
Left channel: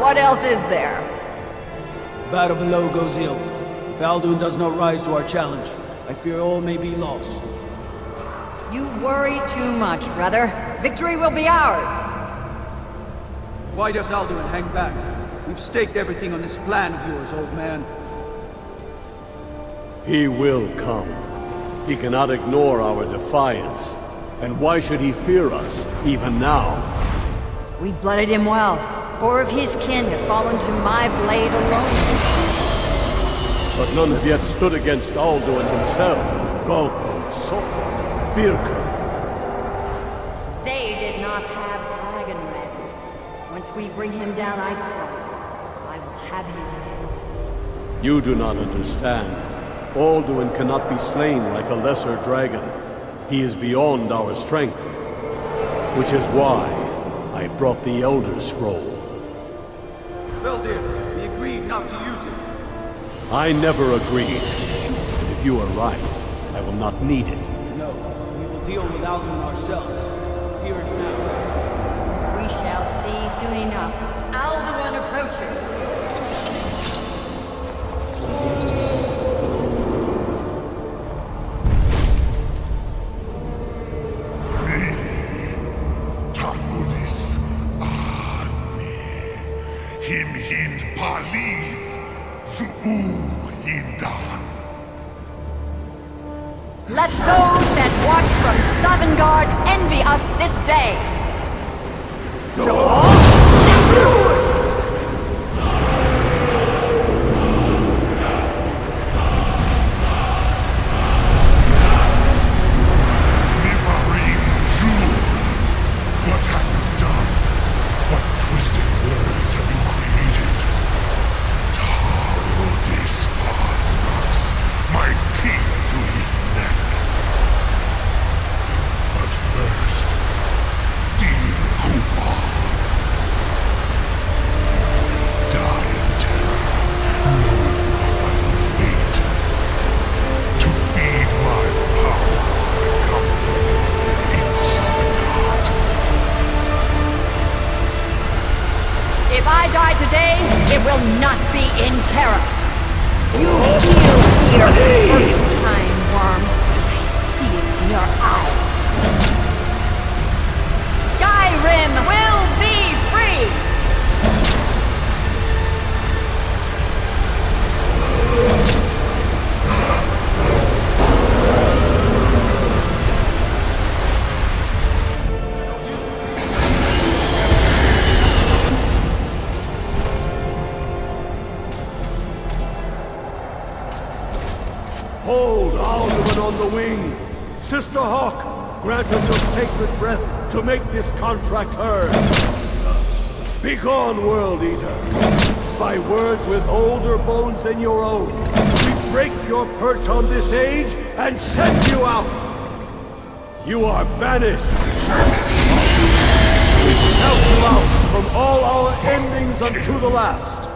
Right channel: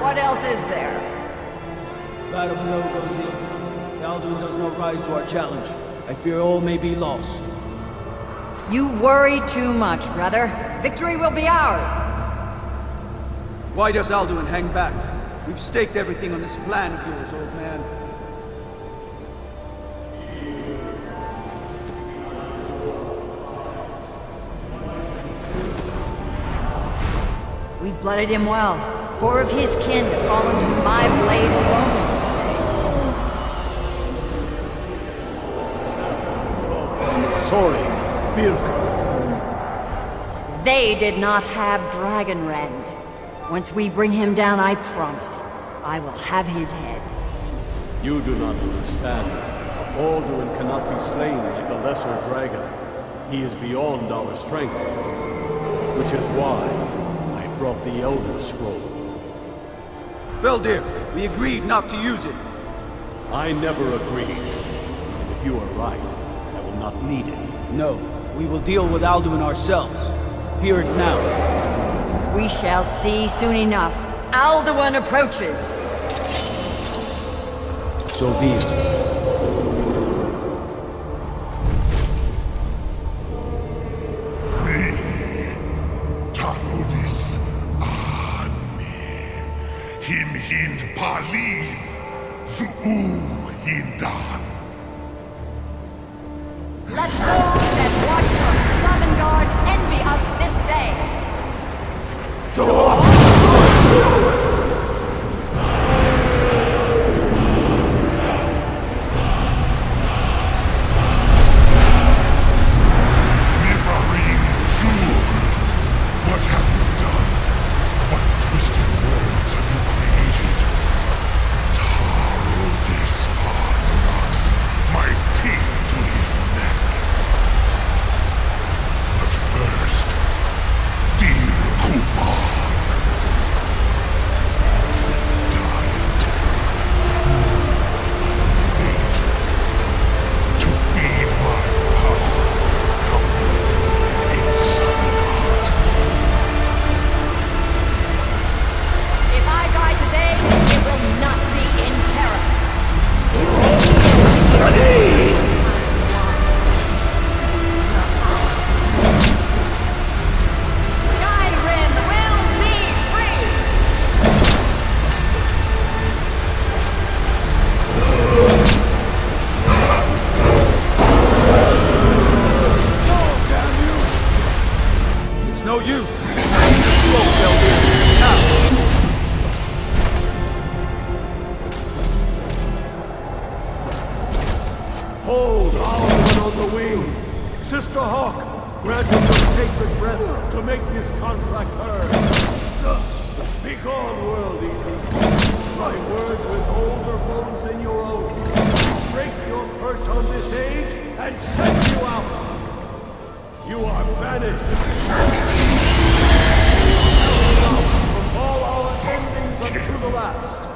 What else is there? Battle below goes ill. If Alduin does not rise to our challenge, I fear all may be lost. You worry too much, brother. Victory will be ours. Why does Alduin hang back? We've staked everything on this plan of yours, old man. He will come. He cannot ignore our defiance. And why should he fear us, even now? We blooded him well. 4 of his kin have fallen to my blade alone. But none have yet stood against Alduin himself. Golf, Sori, Birka. They did not have Dragonrend. Once we bring him down, I promise, I will have his head. You do not understand. Alduin cannot be slain like a lesser dragon. He is beyond our strength. Which is why I brought the Elder Scroll. Veldir, we agreed not to use it. I never agreed. And if you are right, I will not need it. No, we will deal with Alduin ourselves. Hear it now. We shall see soon enough. Alduin approaches. So be it. Tarudis Ani Him Hind Paliv Zuu Hindan. Let those that watch from Sovngarde envy us this day. Mivarim Jur, what have you done? What twisted words have you created? Tarudis knocks my teeth to his neck. But first, dear Kumar, you will die in terror, knowing your final fate. To feed my power, I come for you in Sovngarde. If I die today, it will not be in terror. You heal here for the first time, worm. I see it in your eyes. Skyrim will be free! It's no use. Smoke, Veldir. Now. Hold Alduin on the wing! Sister Hawk, grant us your sacred breath to make this contract hers! Begone, World Eater! By words with older bones than your own, we break your perch on this age and send you out! You are banished! We count you out from all our endings unto the last!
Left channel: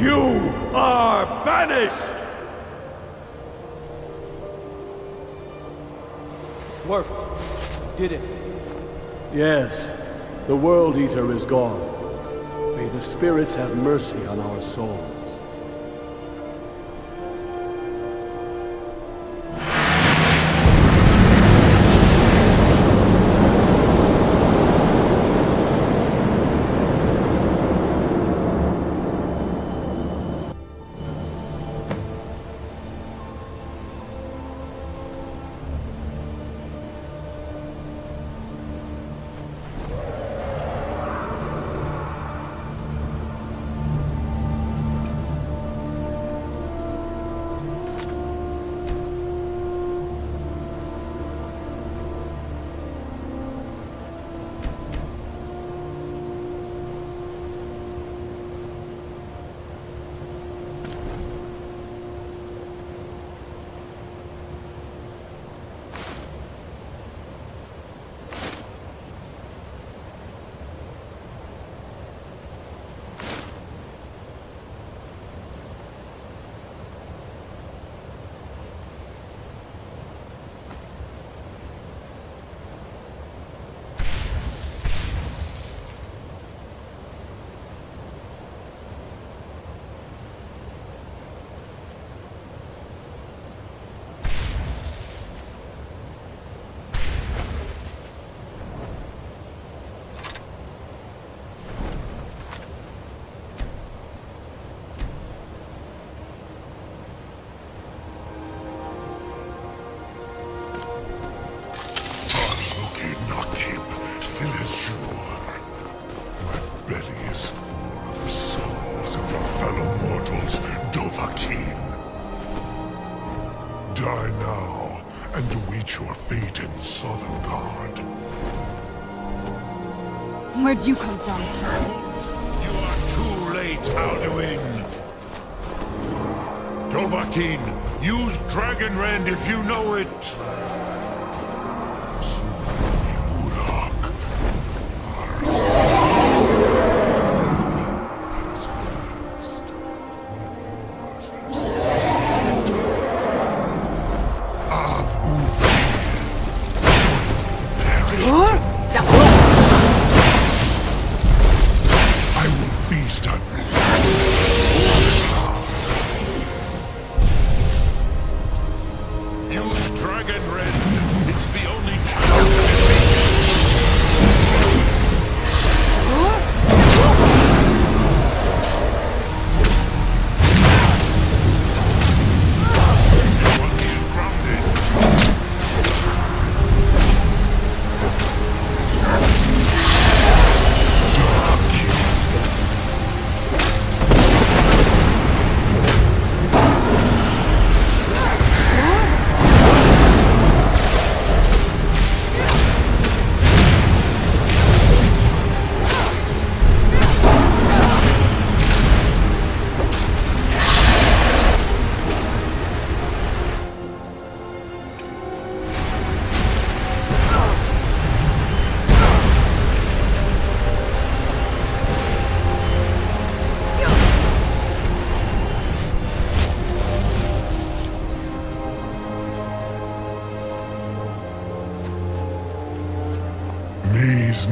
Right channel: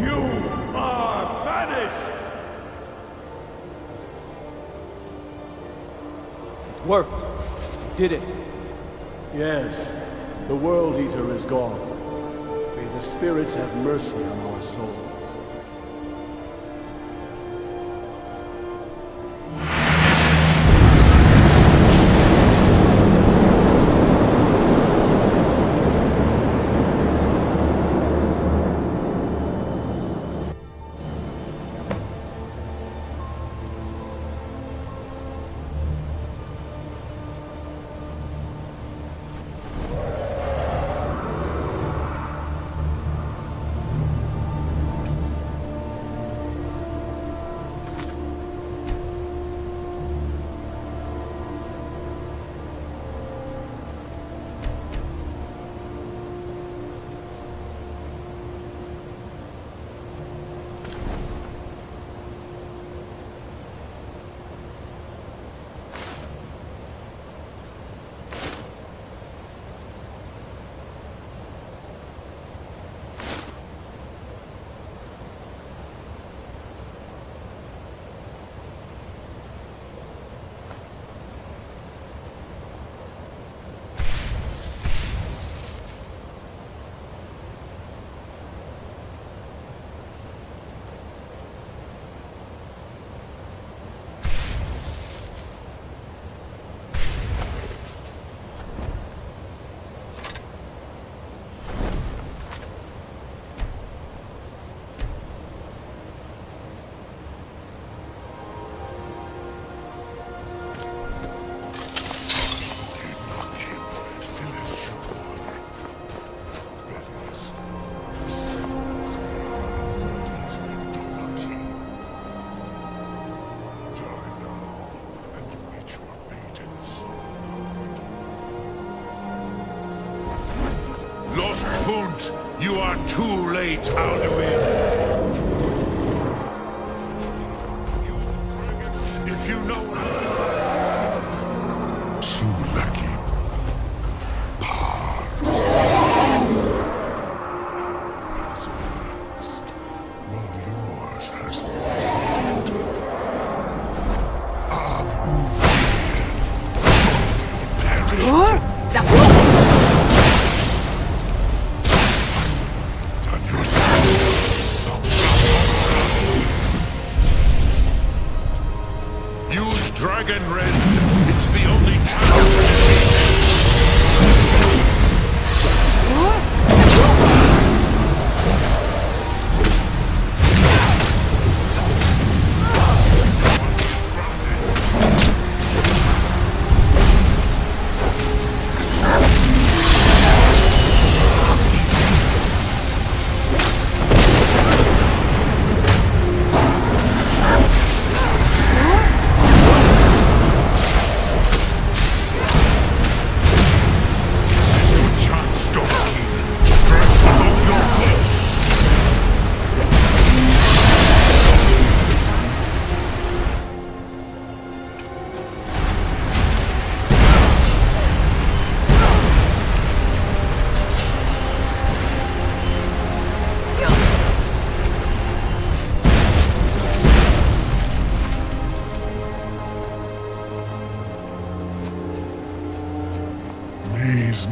You are banished! It worked. We did it. Yes, the World Eater is gone. May the spirits have mercy on our souls. your fate in Sovngarde. Where'd you come from? Lord, you are too late. Dovahkiin, use Dragon Rend if you know it. Sulaki Mulak, Parthanax. Has waxed, while yours has waned. Av Uvir, join your perished. I will feast on your soul.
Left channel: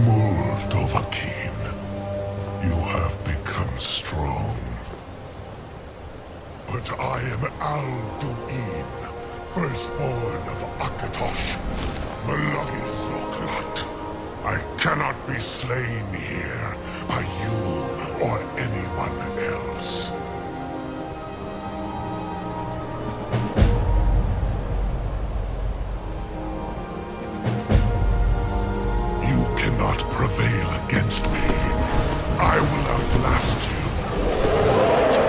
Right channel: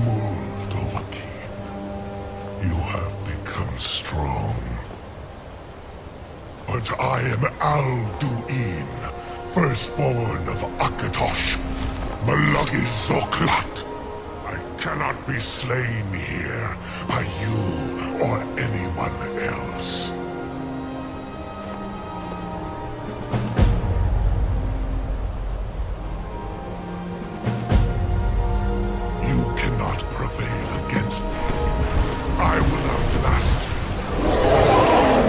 Mul Dovahkiin, you have become strong. But I am Alduin, firstborn of Akatosh, Malagi Zoklat. I cannot be slain here by you or anyone else. You cannot prevail against me. I will outlast you, mortal.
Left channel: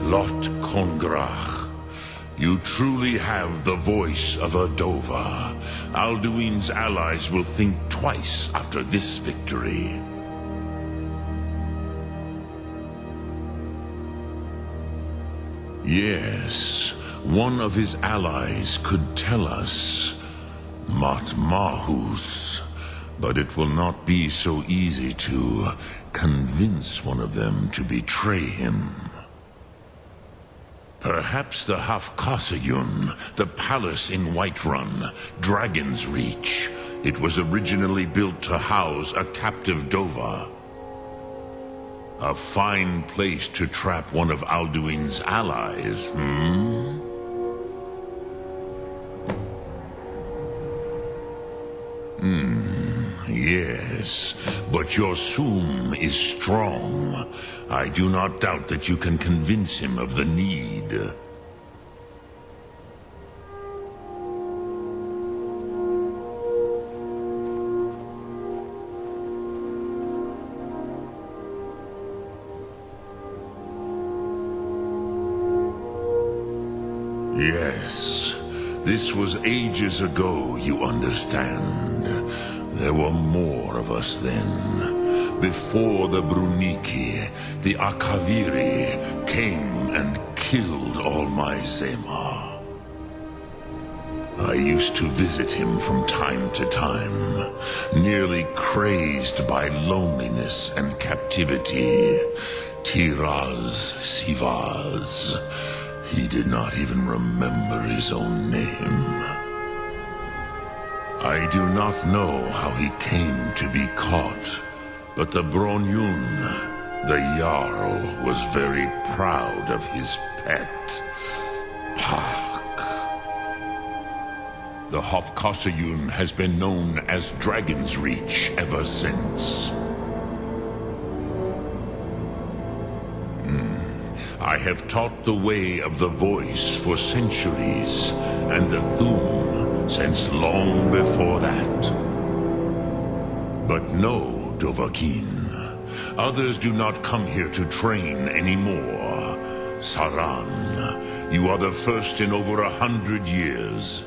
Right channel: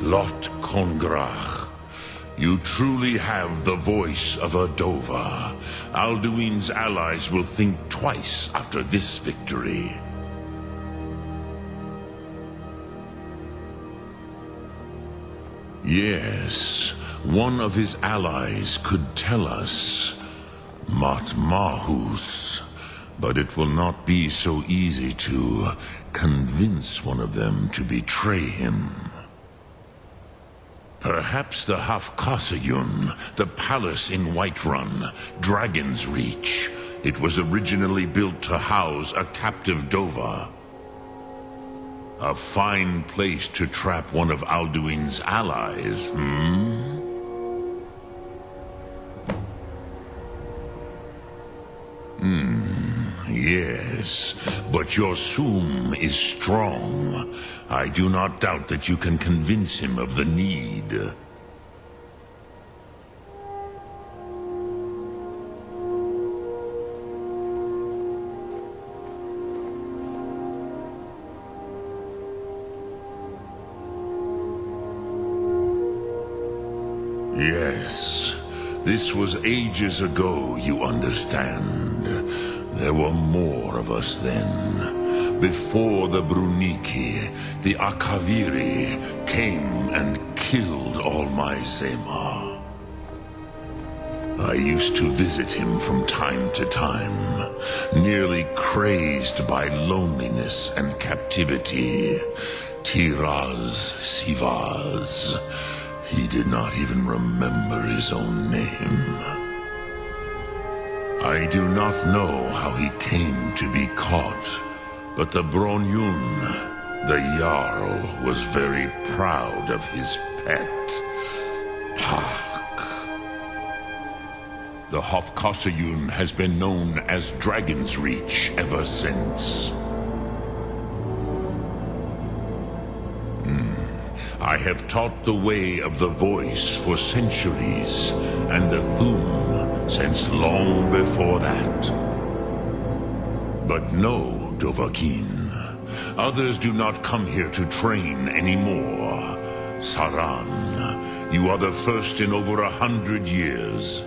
Lot Kongrach, you truly have the voice of a Dova. Alduin's allies will think twice after this victory. Yes, one of his allies could tell us Matmahus, but it will not be so easy to convince one of them to betray him. Perhaps the Hafkasayun, the palace in Whiterun, Dragon's Reach. It was originally built to house a captive Dova. A fine place to trap one of Alduin's allies, Yes, but your Sum is strong. I do not doubt that you can convince him of the need. Yes, this was ages ago, you understand. There were more of us then. Before the Bruniki, the Akaviri came and killed all my Zema. I used to visit him from time to time, nearly crazed by loneliness and captivity. Tiraz Sivaz. He did not even remember his own name. I do not know how he came to be caught, but the Bronyun, the Jarl, was very proud of his pet, Pak. The Hofkosayun has been known as Dragon's Reach ever since. I have taught the way of the voice for centuries, and the Thum since long before that. But no, Dovahkiin, others do not come here to train anymore. Saran, you are the first in over 100 years.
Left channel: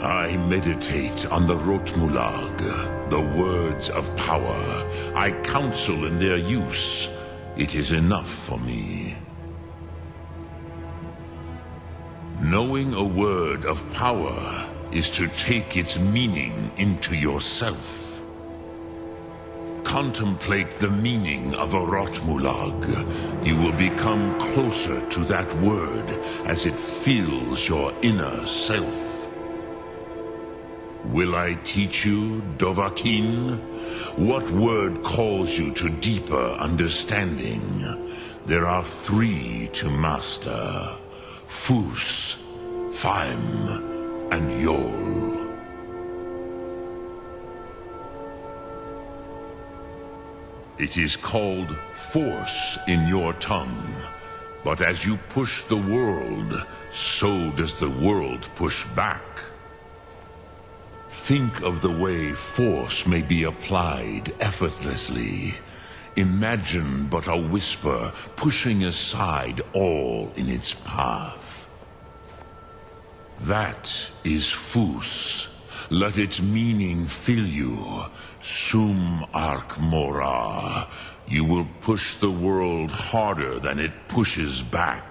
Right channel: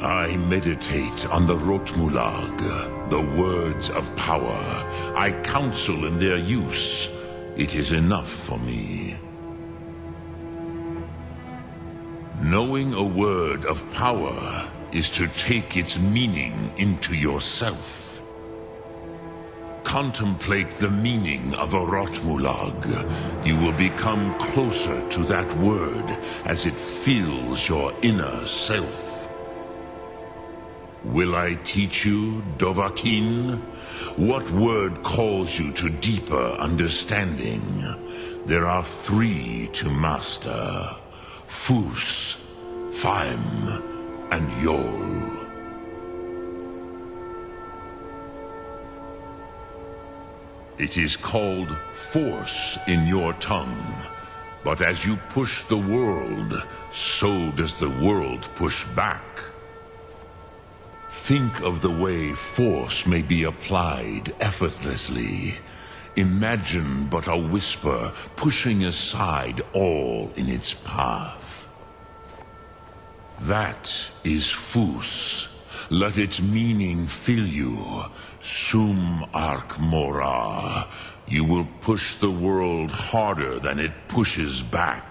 I meditate on the Rotmulag, the words of power. I counsel in their use. It is enough for me. Knowing a word of power is to take its meaning into yourself. Contemplate the meaning of a Rotmulag. You will become closer to that word as it fills your inner self. Will I teach you, Dovahkiin? What word calls you to deeper understanding? There are 3 to master: Fus, Faim, and Yol. It is called force in your tongue, but as you push the world, so does the world push back. Think of the way force may be applied effortlessly. Imagine but a whisper pushing aside all in its path. That is Fus. Let its meaning fill you. Sum Ark Mora. You will push the world harder than it pushes back.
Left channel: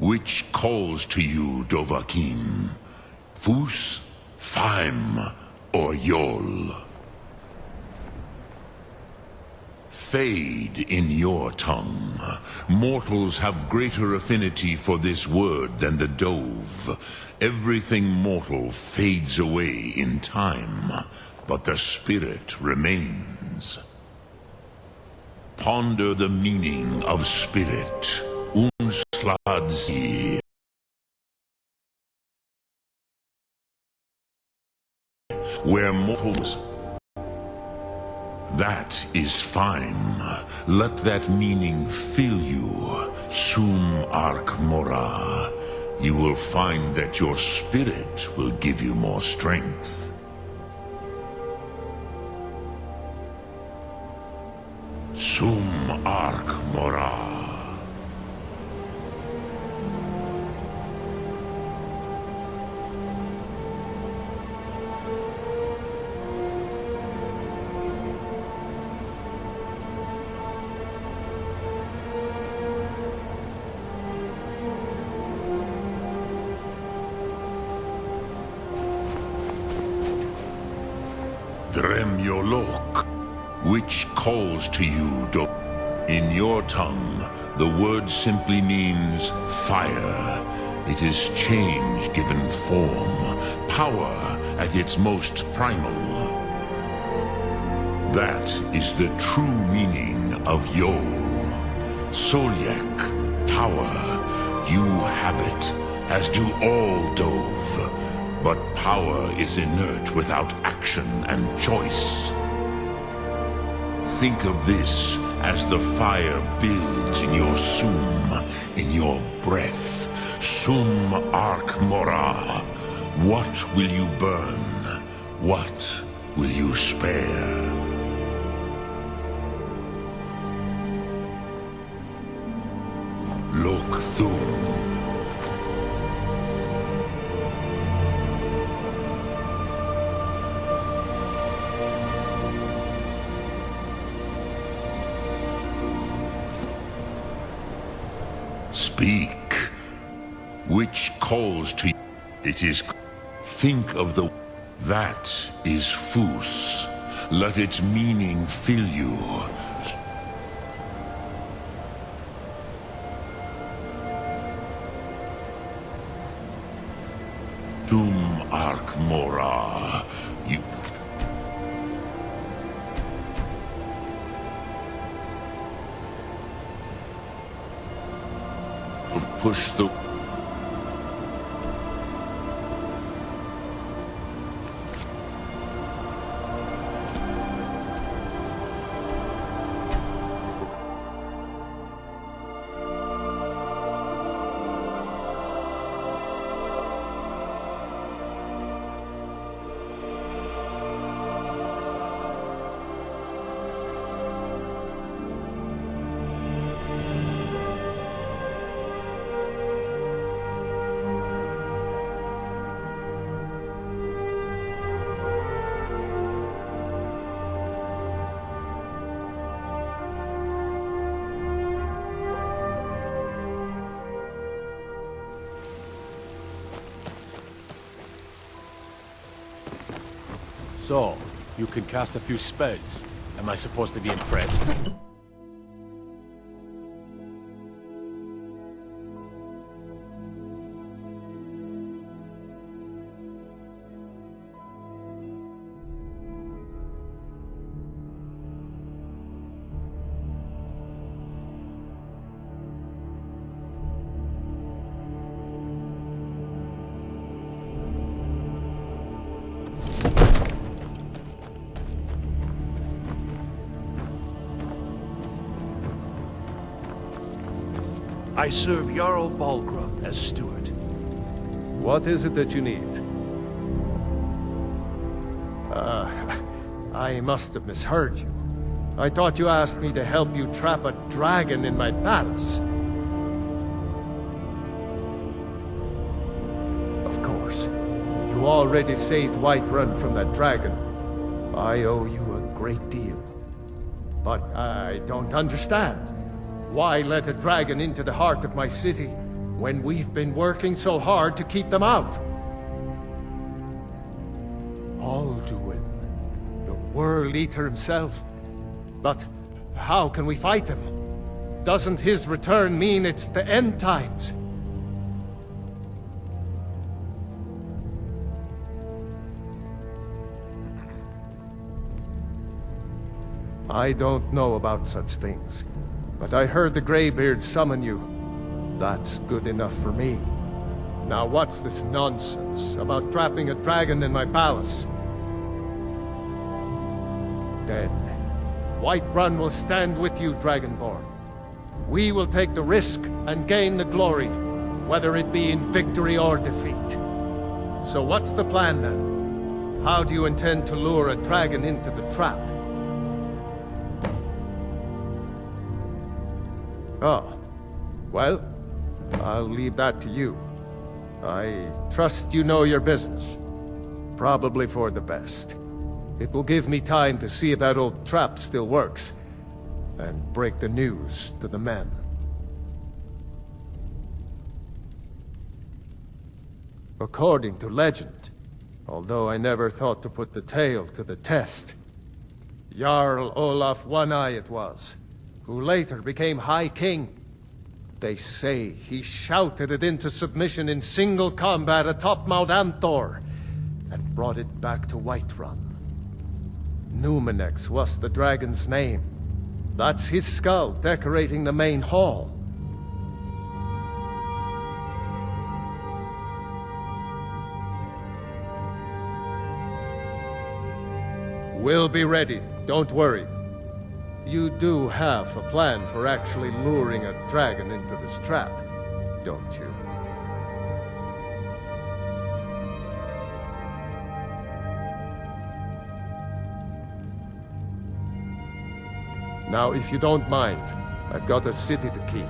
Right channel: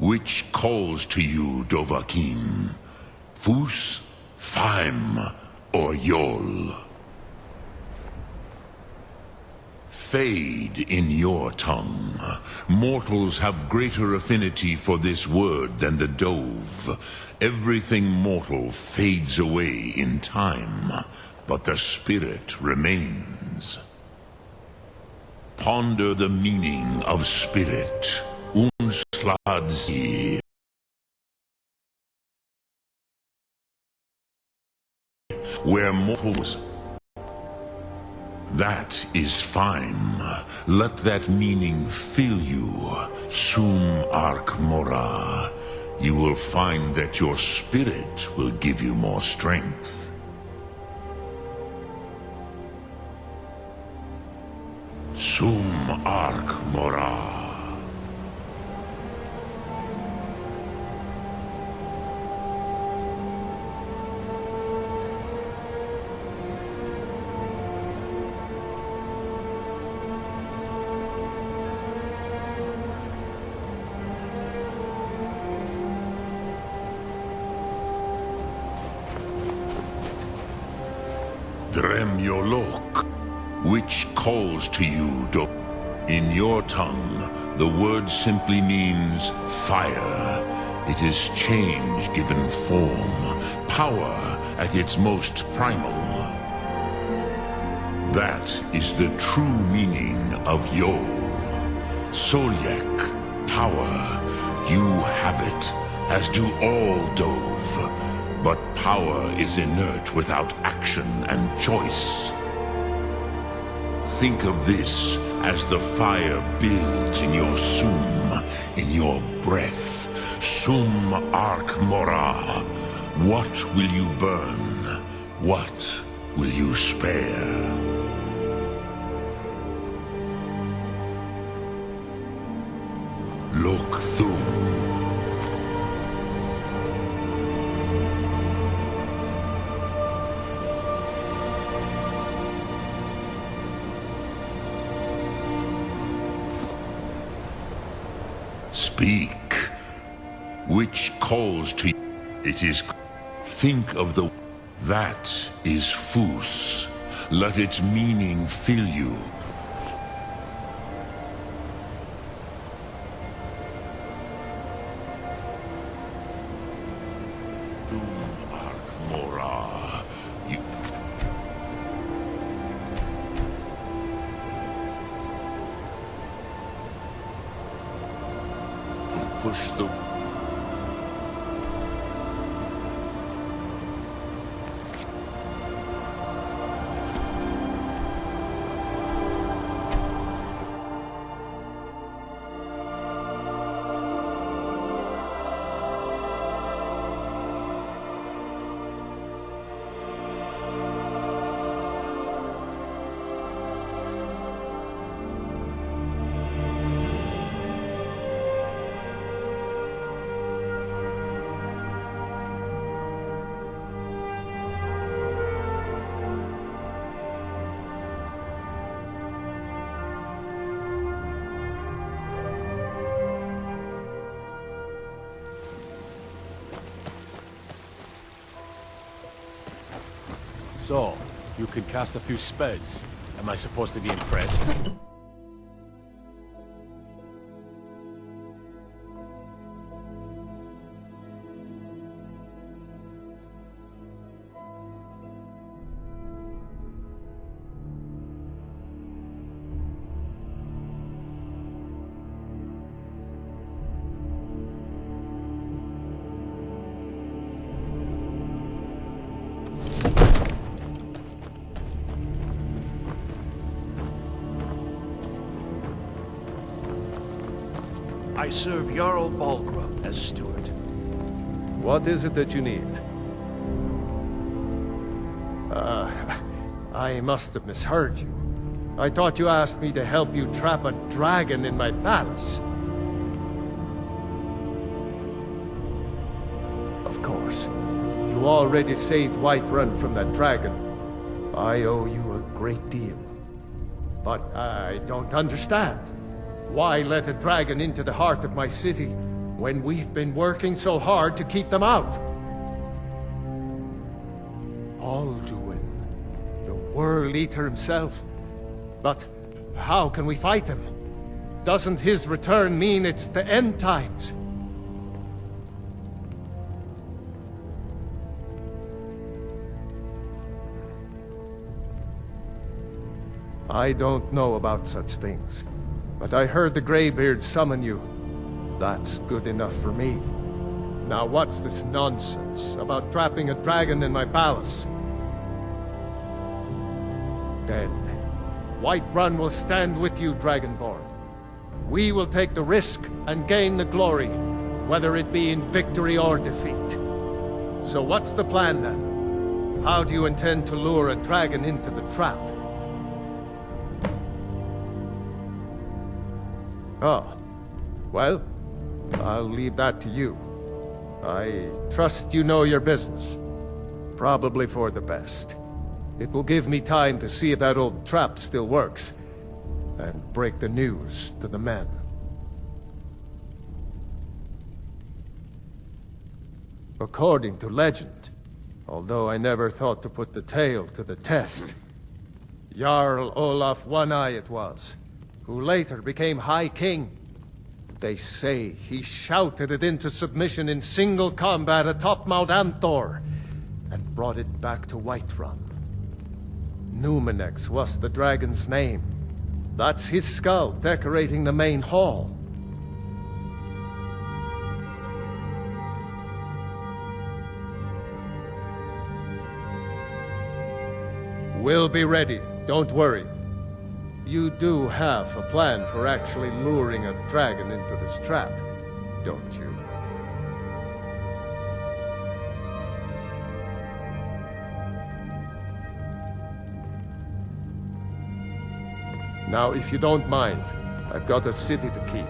Which calls to you, Dovahkiin? Fus, Faim, or Yol? Fade in your tongue. Mortals have greater affinity for this word than the Dove. Everything mortal fades away in time, but the spirit remains. Ponder the meaning of spirit. Unsladzi. Where mortals... That is fine. Let that meaning fill you. Sum Ark Mora. You will find that your spirit will give you more strength. Sum Ark Mora. Dremyolok, which calls to you, In your tongue, the word simply means fire. It is change given form, power at its most primal. That is the true meaning of Yol. Solyek, power. You have it, as do all Dove. But power is inert without action and choice. Think of this as the fire builds in your sum, in your breath. Sum Ark Mora. What will you burn? What will you spare? Lok Thum. Speak. Which calls to you? It is... Think of the... That is Fus. Let its meaning fill you. Dum Arc Mora. You... Push the... I serve your... What is it that you need? I must have misheard you. I thought you asked me to help you trap a dragon in my palace. Of course. You already saved Whiterun from that dragon. I owe you a great deal. But I don't understand. Why let a dragon into the heart of my city when we've been working so hard to keep them out? Alduin, the World Eater himself. But how can we fight him? Doesn't his return mean it's the end times? I don't know about such things, but I heard the Greybeard summon you. That's good enough for me. Now what's this nonsense about trapping a dragon in my palace? Then, Whiterun will stand with you, Dragonborn. We will take the risk and gain the glory, whether it be in victory or defeat. So what's the plan then? How do you intend to lure a dragon into the trap? Oh, well, I'll leave that to you. I trust you know your business. Probably for the best. It will give me time to see if that old trap still works, and break the news to the men. According to legend, although I never thought to put the tale to the test, Jarl Olaf One-Eye it was, who later became High King. They say he shouted it into submission in single combat atop Mount Anthor, and brought it back to Whiterun. Numenex was the dragon's name. That's his skull decorating the main hall. We'll be ready, don't worry. You do have a plan for actually luring a dragon into this trap, don't you? Now, if you don't mind, I've got a city to keep.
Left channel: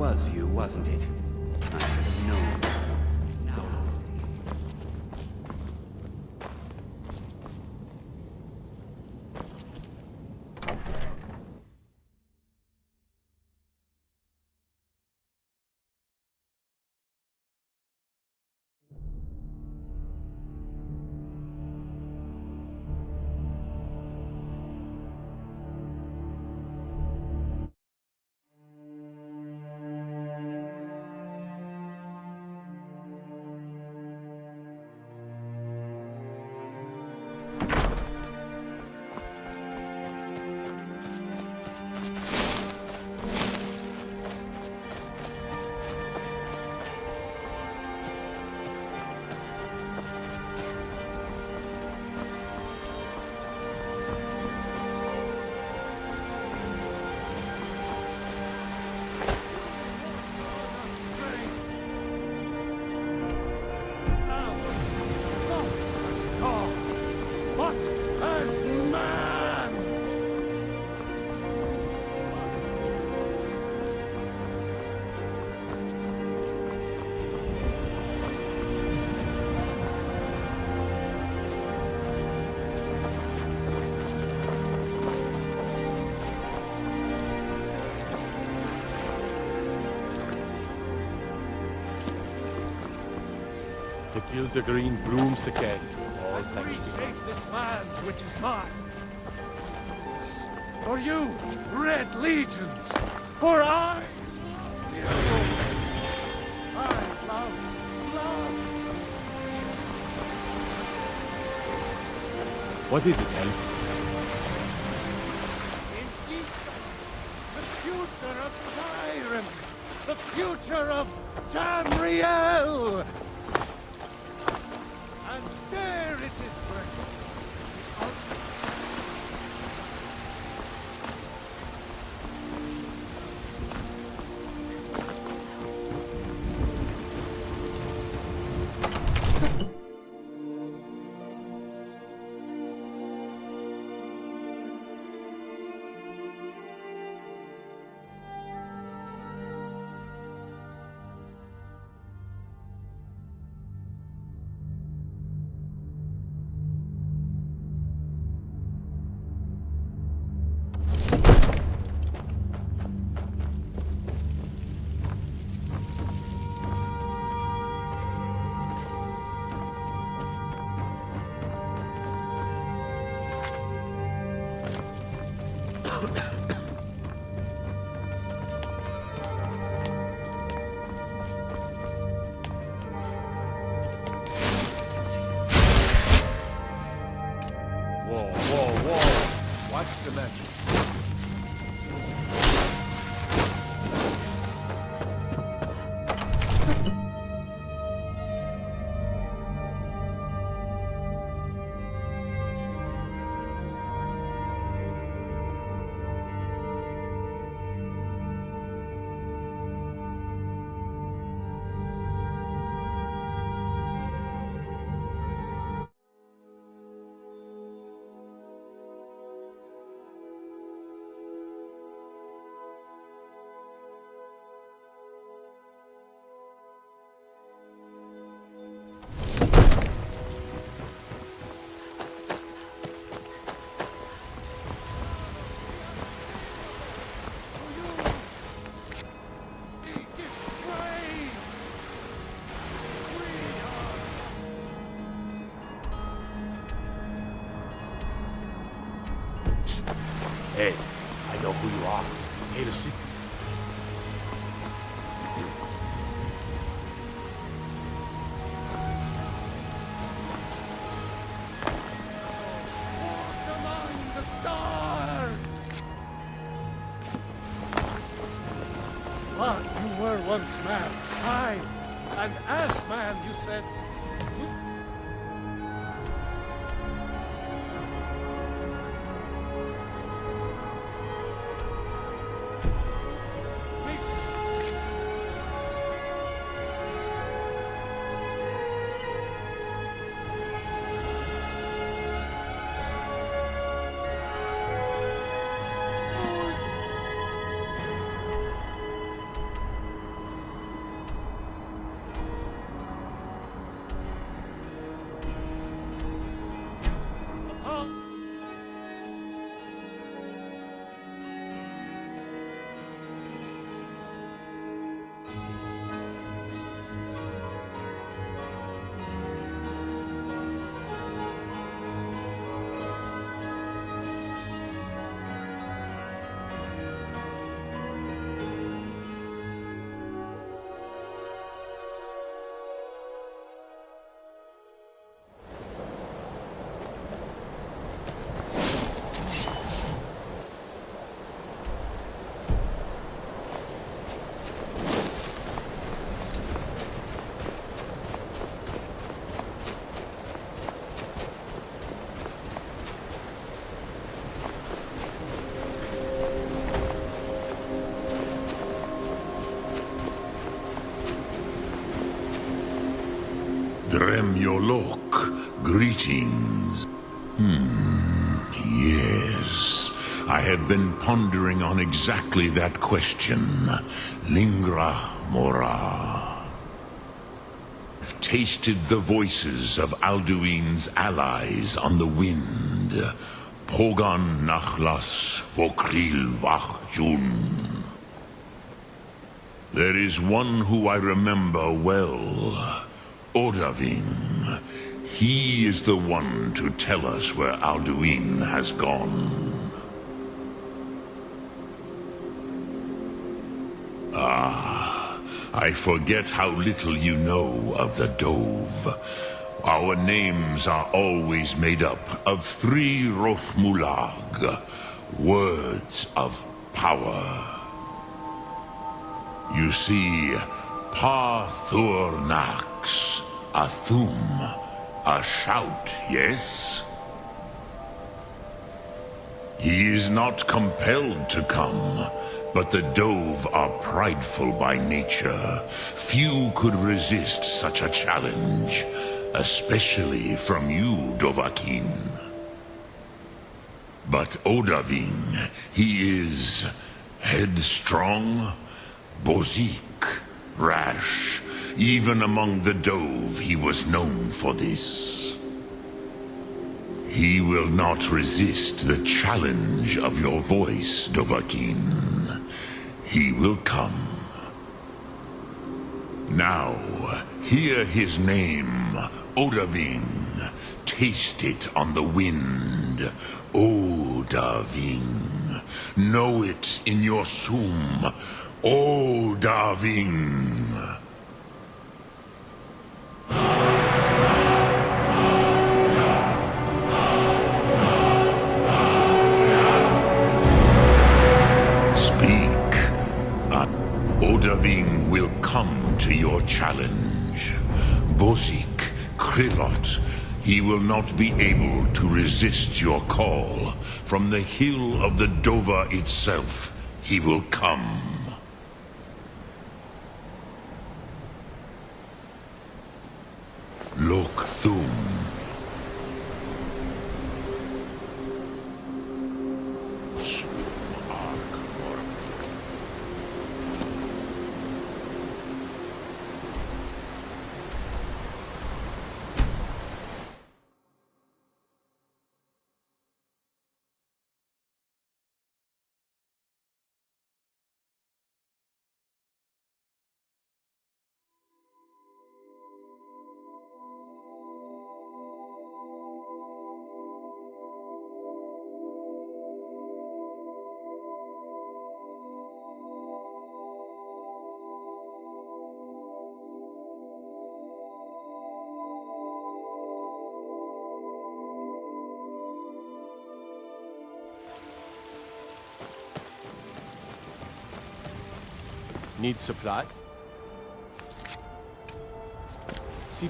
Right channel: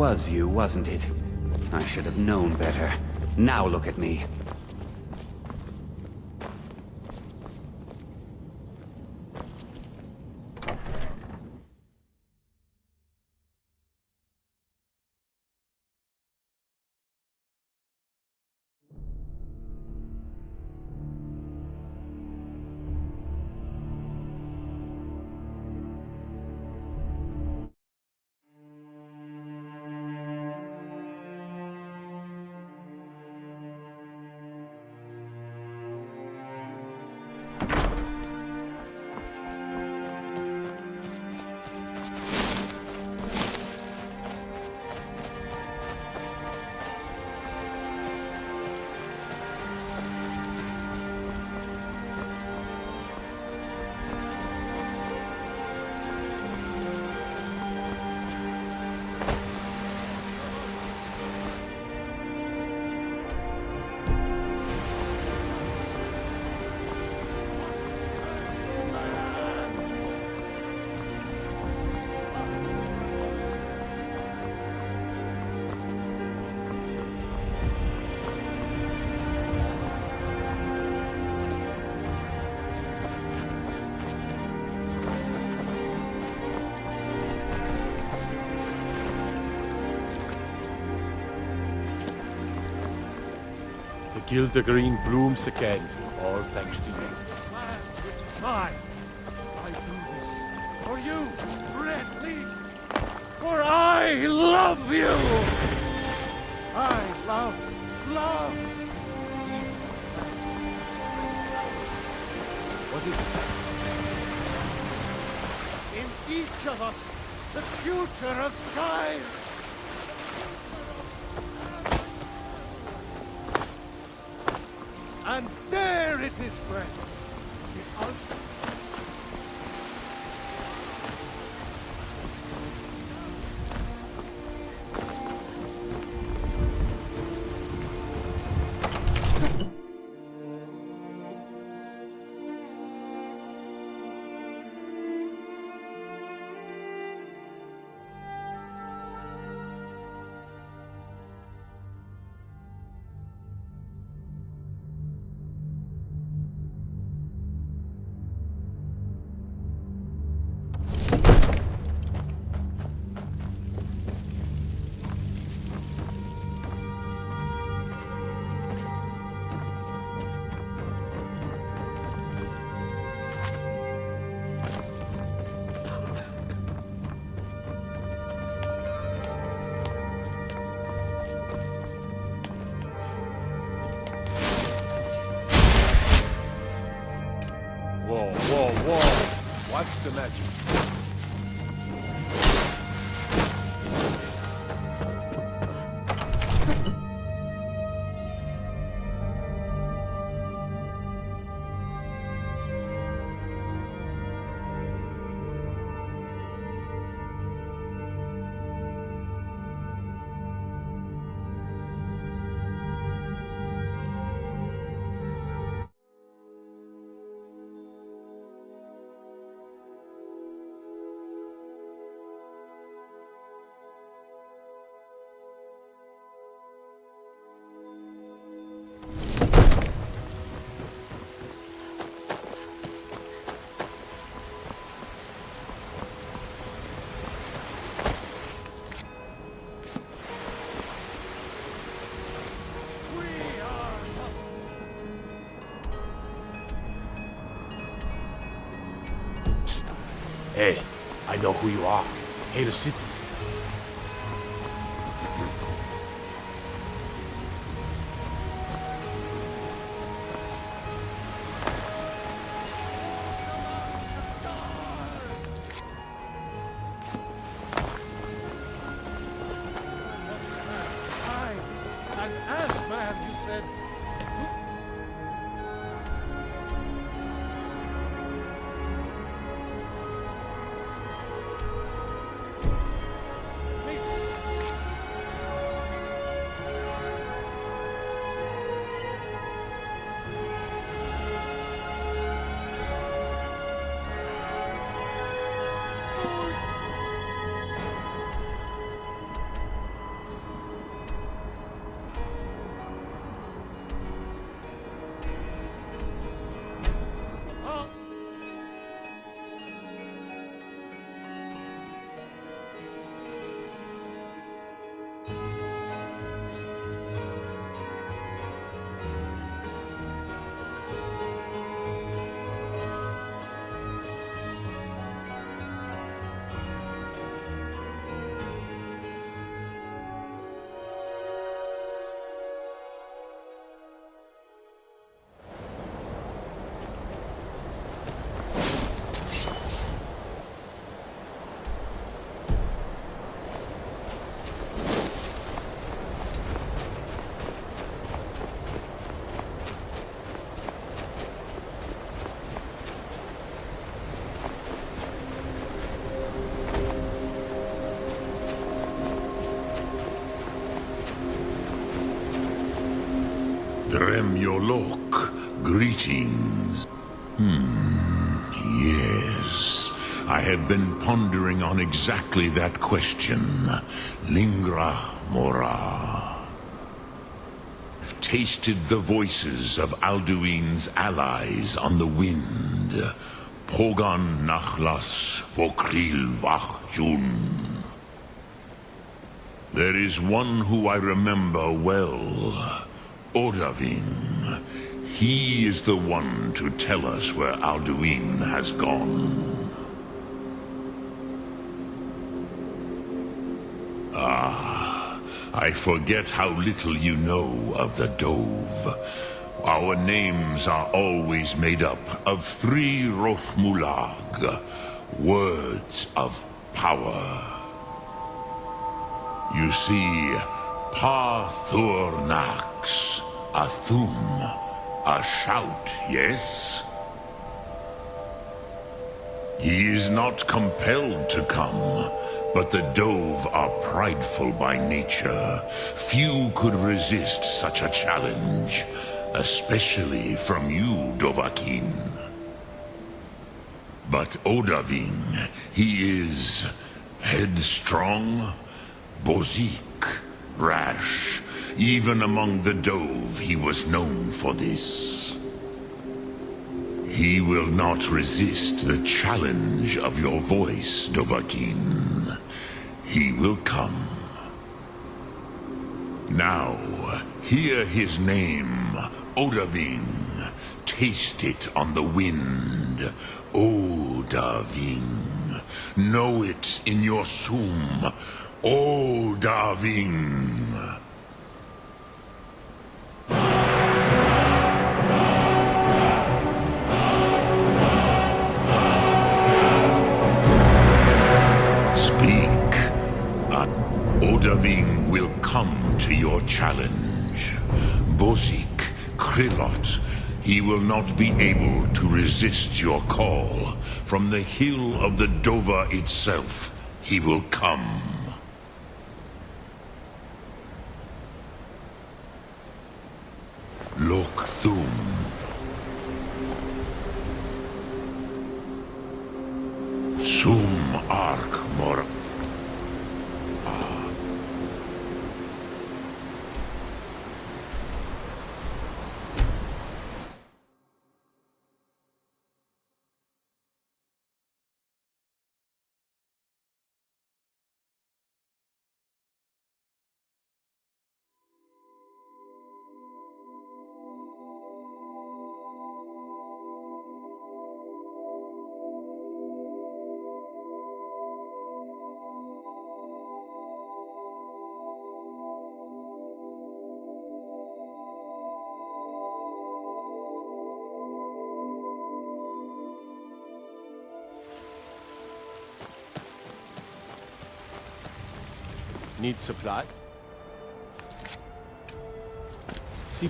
was you, wasn't it? I should have known better. Now look at me. The guild agree? And reshape this land, which is mine. I do this for you, Red Legions, for I love you! What is it then? In each of us, the future of Skyrim, the future of Tamriel! And there it is. Hey, I know who you are. Native cities. Walk among the stars! One who were once mankind. Dremyolok, greetings. Yes. I have been pondering on exactly that question. Lingra mora. I've tasted the voices of Alduin's allies on the wind. Pogan nachlas vokril vachjun. There is one who I remember well. Odavin. He is the one to tell us where Alduin has gone. I forget how little you know of the Dove. Our names are always made up of 3 Rothmulag, words of power. You see, Pa-Thur-Nax, a thum, a shout, yes? He is not compelled to come, but the Dove are prideful by nature. Few could resist such a challenge, especially from you, Dovahkiin. But Odahviing, he is headstrong, bozik, rash. Even among the Dove, he was known for this. He will not resist the challenge of your voice, Dovahkiin. He will come. Now, hear his name, Odahviing. Taste it on the wind. Odahviing. Know it in your sum. Odahviing. Speak. Odahviing will come to your challenge. Bozik, Krillot, he will not be able to resist your call. From the hill of the Dova itself, he will come. Lok Thum. Sum Ark Mor.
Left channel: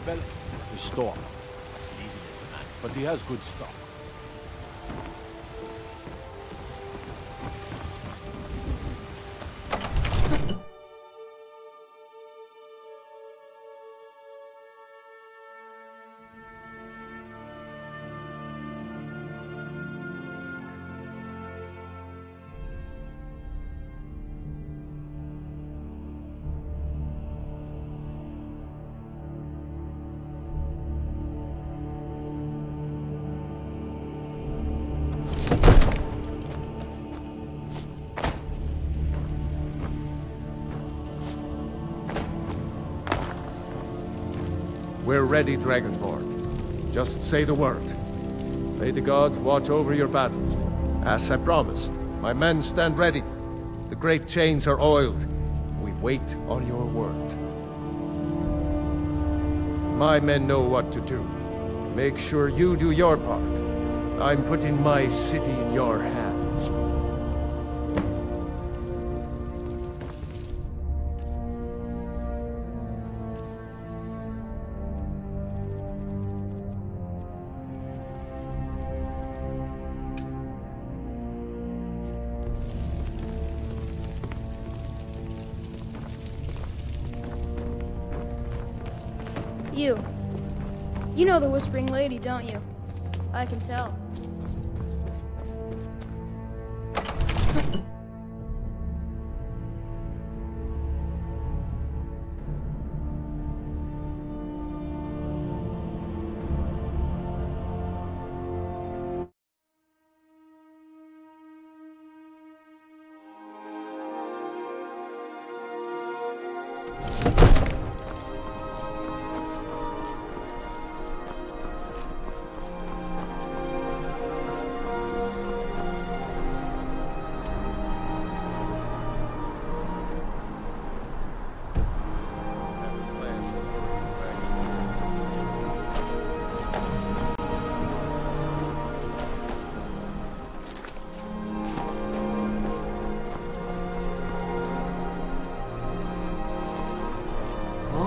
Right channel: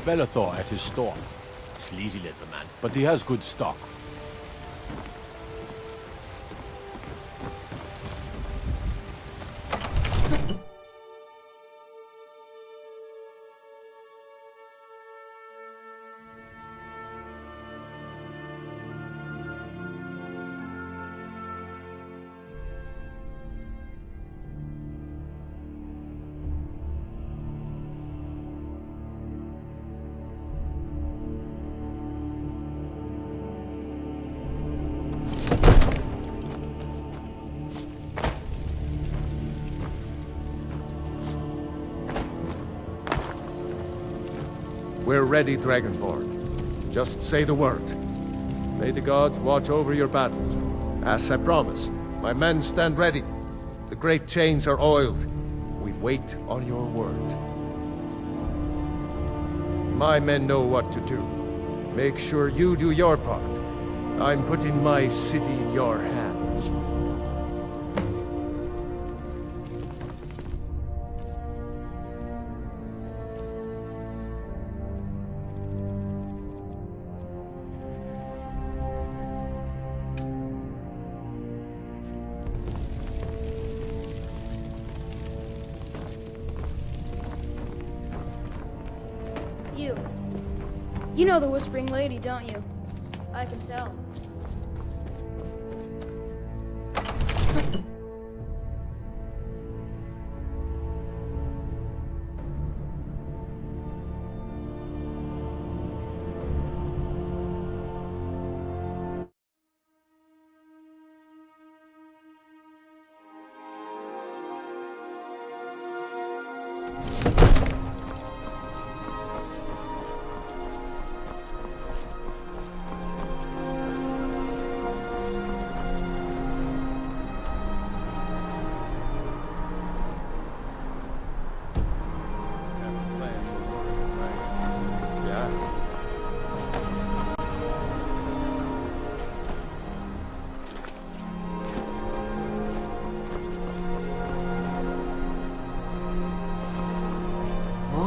Bellathor at his store. Sleazy little man, but he has good stock. We're ready, Dragonborn. Just say the word. May the gods watch over your battles. As I promised, my men stand ready. The great chains are oiled. We wait on your word. My men know what to do. Make sure you do your part. I'm putting my city in your hands. You.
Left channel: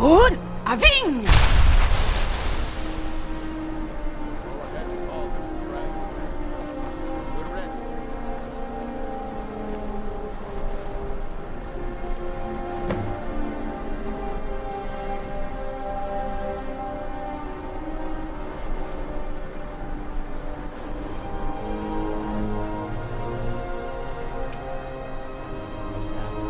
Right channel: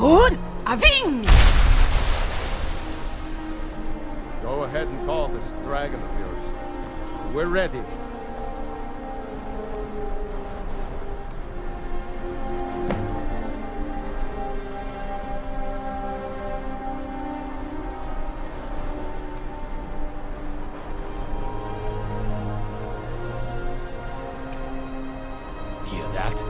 Good. Aving! Go ahead and call this dragon of yours. We're ready. Hear that?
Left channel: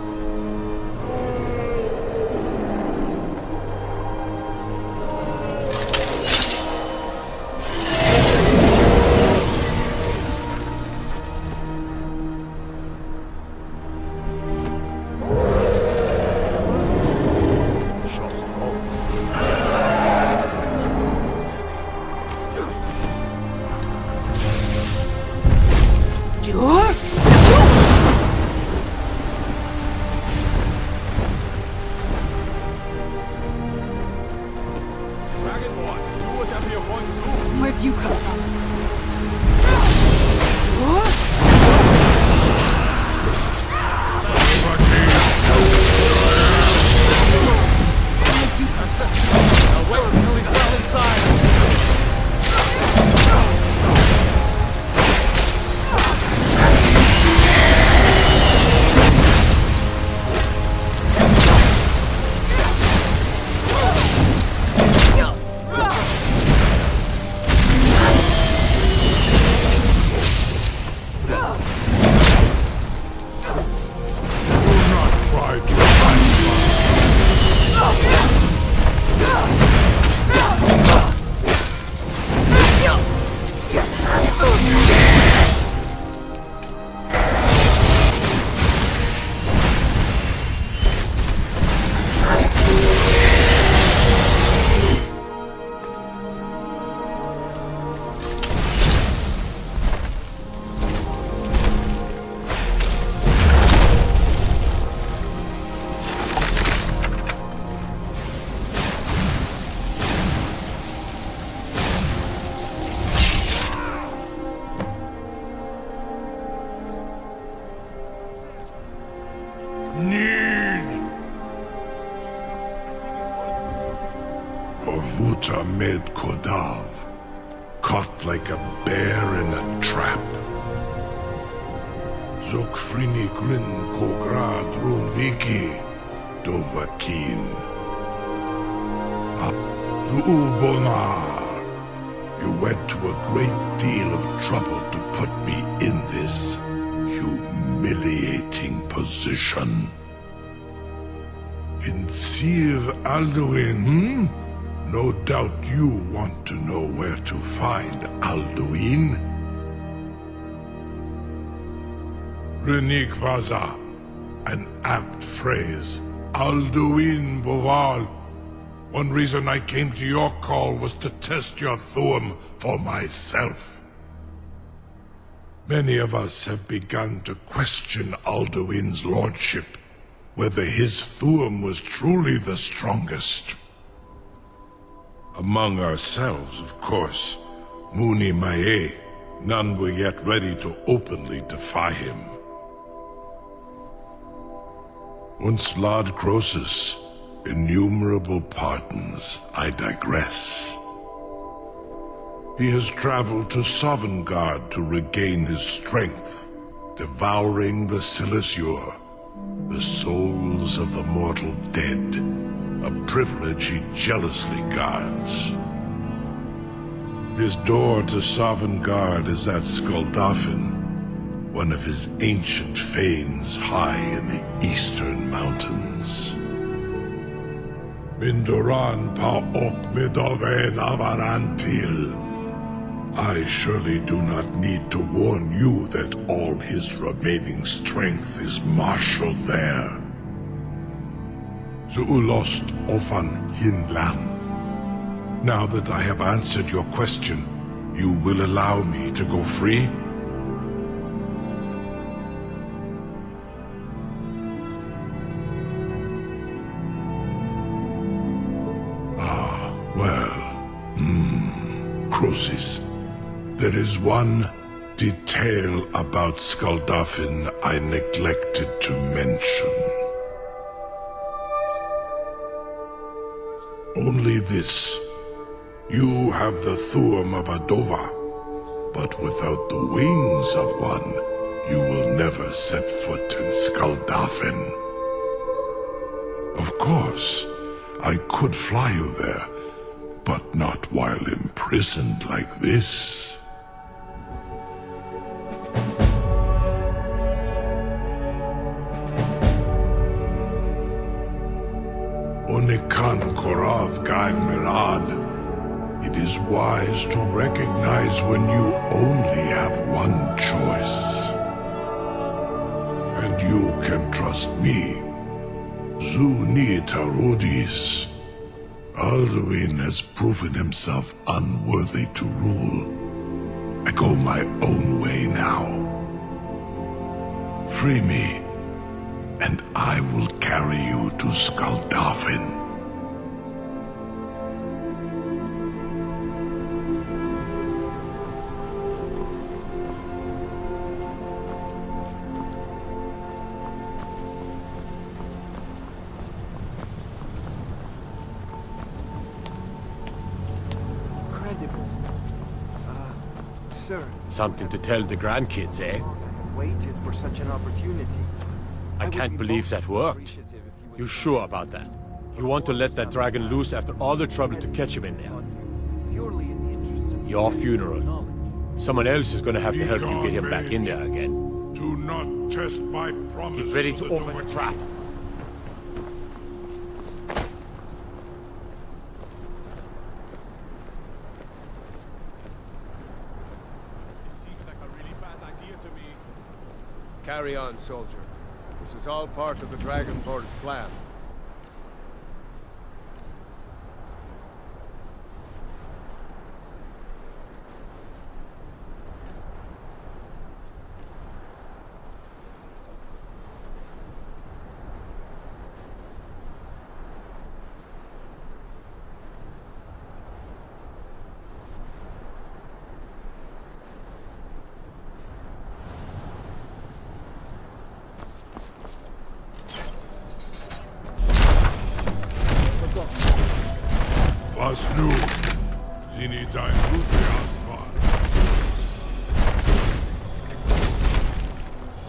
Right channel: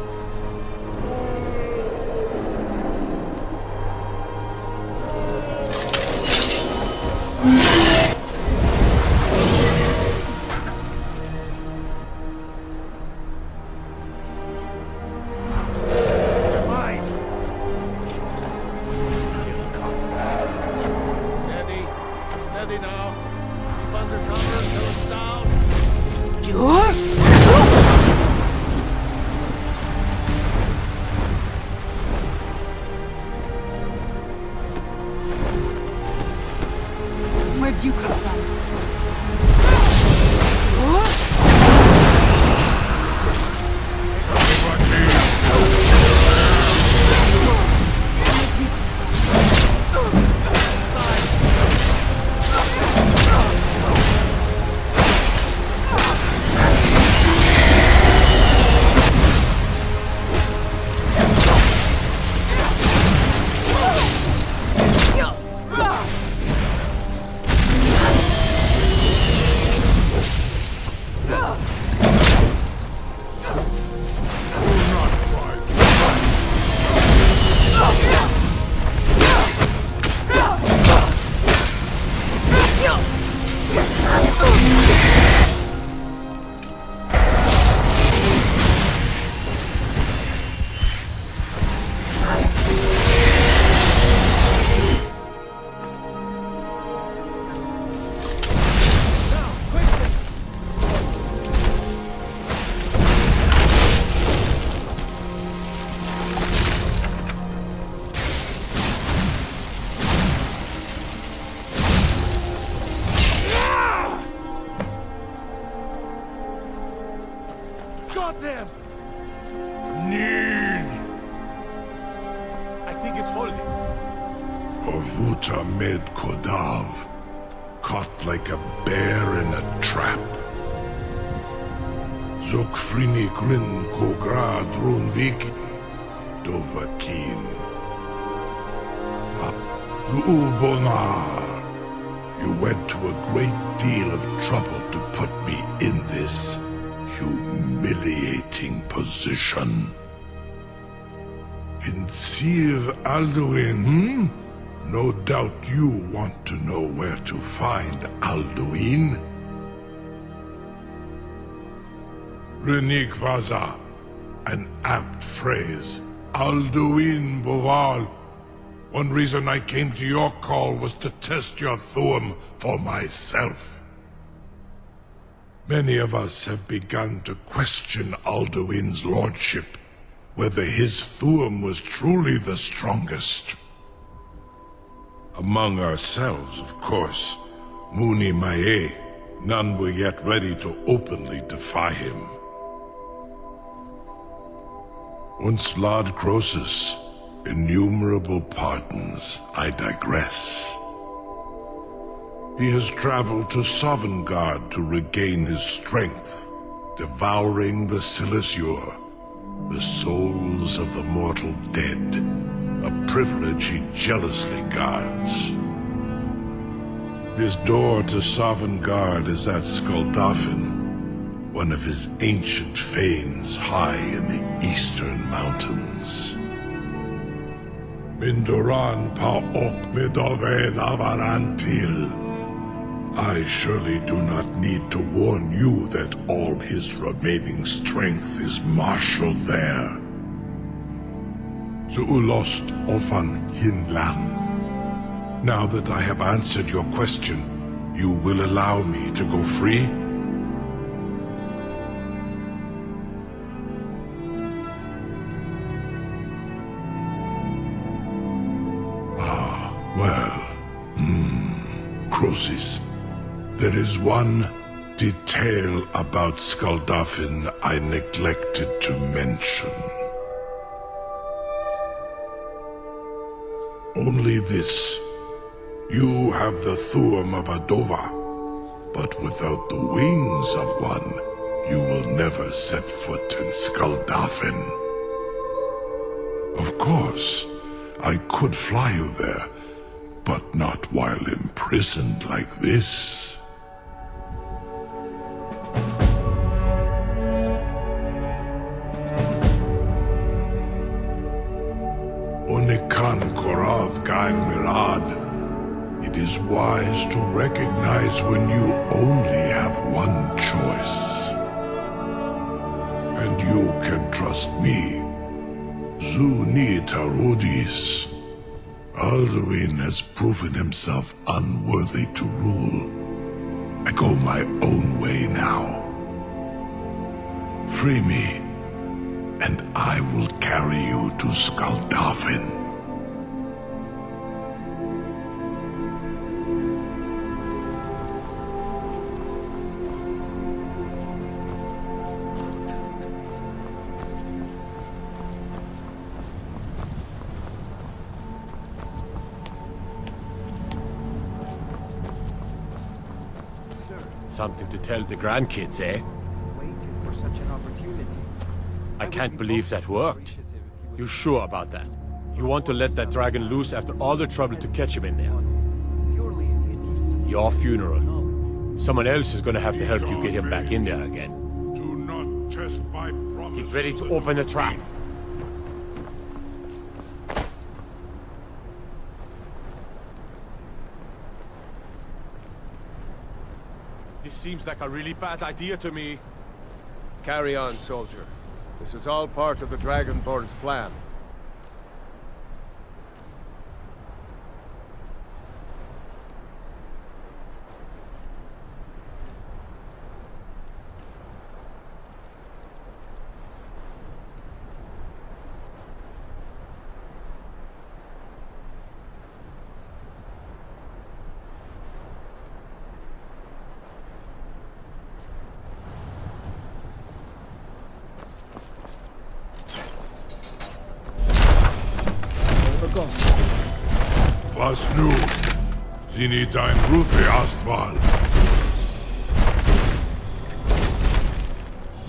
Steady. Steady now. Under cover. Down. Jur. Zapru. Jur. I'll wait until he's well inside. Do not try to fight Need I think it's holding. Ovuta med Kodav, caught like a bear in a trap. Zokfrini Grin Kogra Drunviki, Dovakin. Zuubonar, you went to a great deal of trouble to put me in this humiliating position. Insir Alduin, No doubt you want to know where to find Alduin. Renikvaza, an apt phrase. Alduin Boval. One reason I came to your call was to test your Thuum for myself. Many of us have begun to question Alduin's lordship, whether his Thuum was truly the strongest. Among ourselves, of course, Muni Mae, none were yet ready to openly defy him. Once Lord Croesus, innumerable pardons, I digress. He has traveled to Sovngarde to regain his strength, devouring the Silesure, the souls of the mortal dead, a privilege he jealously guards. His door to Sovngarde is at Skuldafn, one of his ancient fanes high in the eastern mountains. Mindoran Paok Midoven Avarantil. I surely do not need to warn you that all his remaining strength is marshaled there. Zuulost Ofan Hinlan. Now that I have answered your question, you will allow me to go free? Croesus. There is one detail about Skuldafn I neglected to mention. Only this. You have the Thuum of Adova, but without the wings of one, you will never set foot in Skuldafn. Of course, I could fly you there, but not while imprisoned like this. Onikan Korav Gain Mirad. It is wise to recognize when you only have one choice. And you can trust me. Zuni Tarudis. Alduin has proven himself unworthy to rule. I go my own way now. Free me, and I will carry you to Skuldafn. Something to tell the grandkids, eh? I can't believe that worked. You sure about that? You want to let that dragon loose after all the trouble to catch him in there? Your funeral. Someone else is gonna have to help you get him back in there again. Get ready to open the trap. This seems like a really bad idea to me. Carry on, soldier. This is all part of the Dragonborn's plan. Was nu? Sini dein Rufe Astval.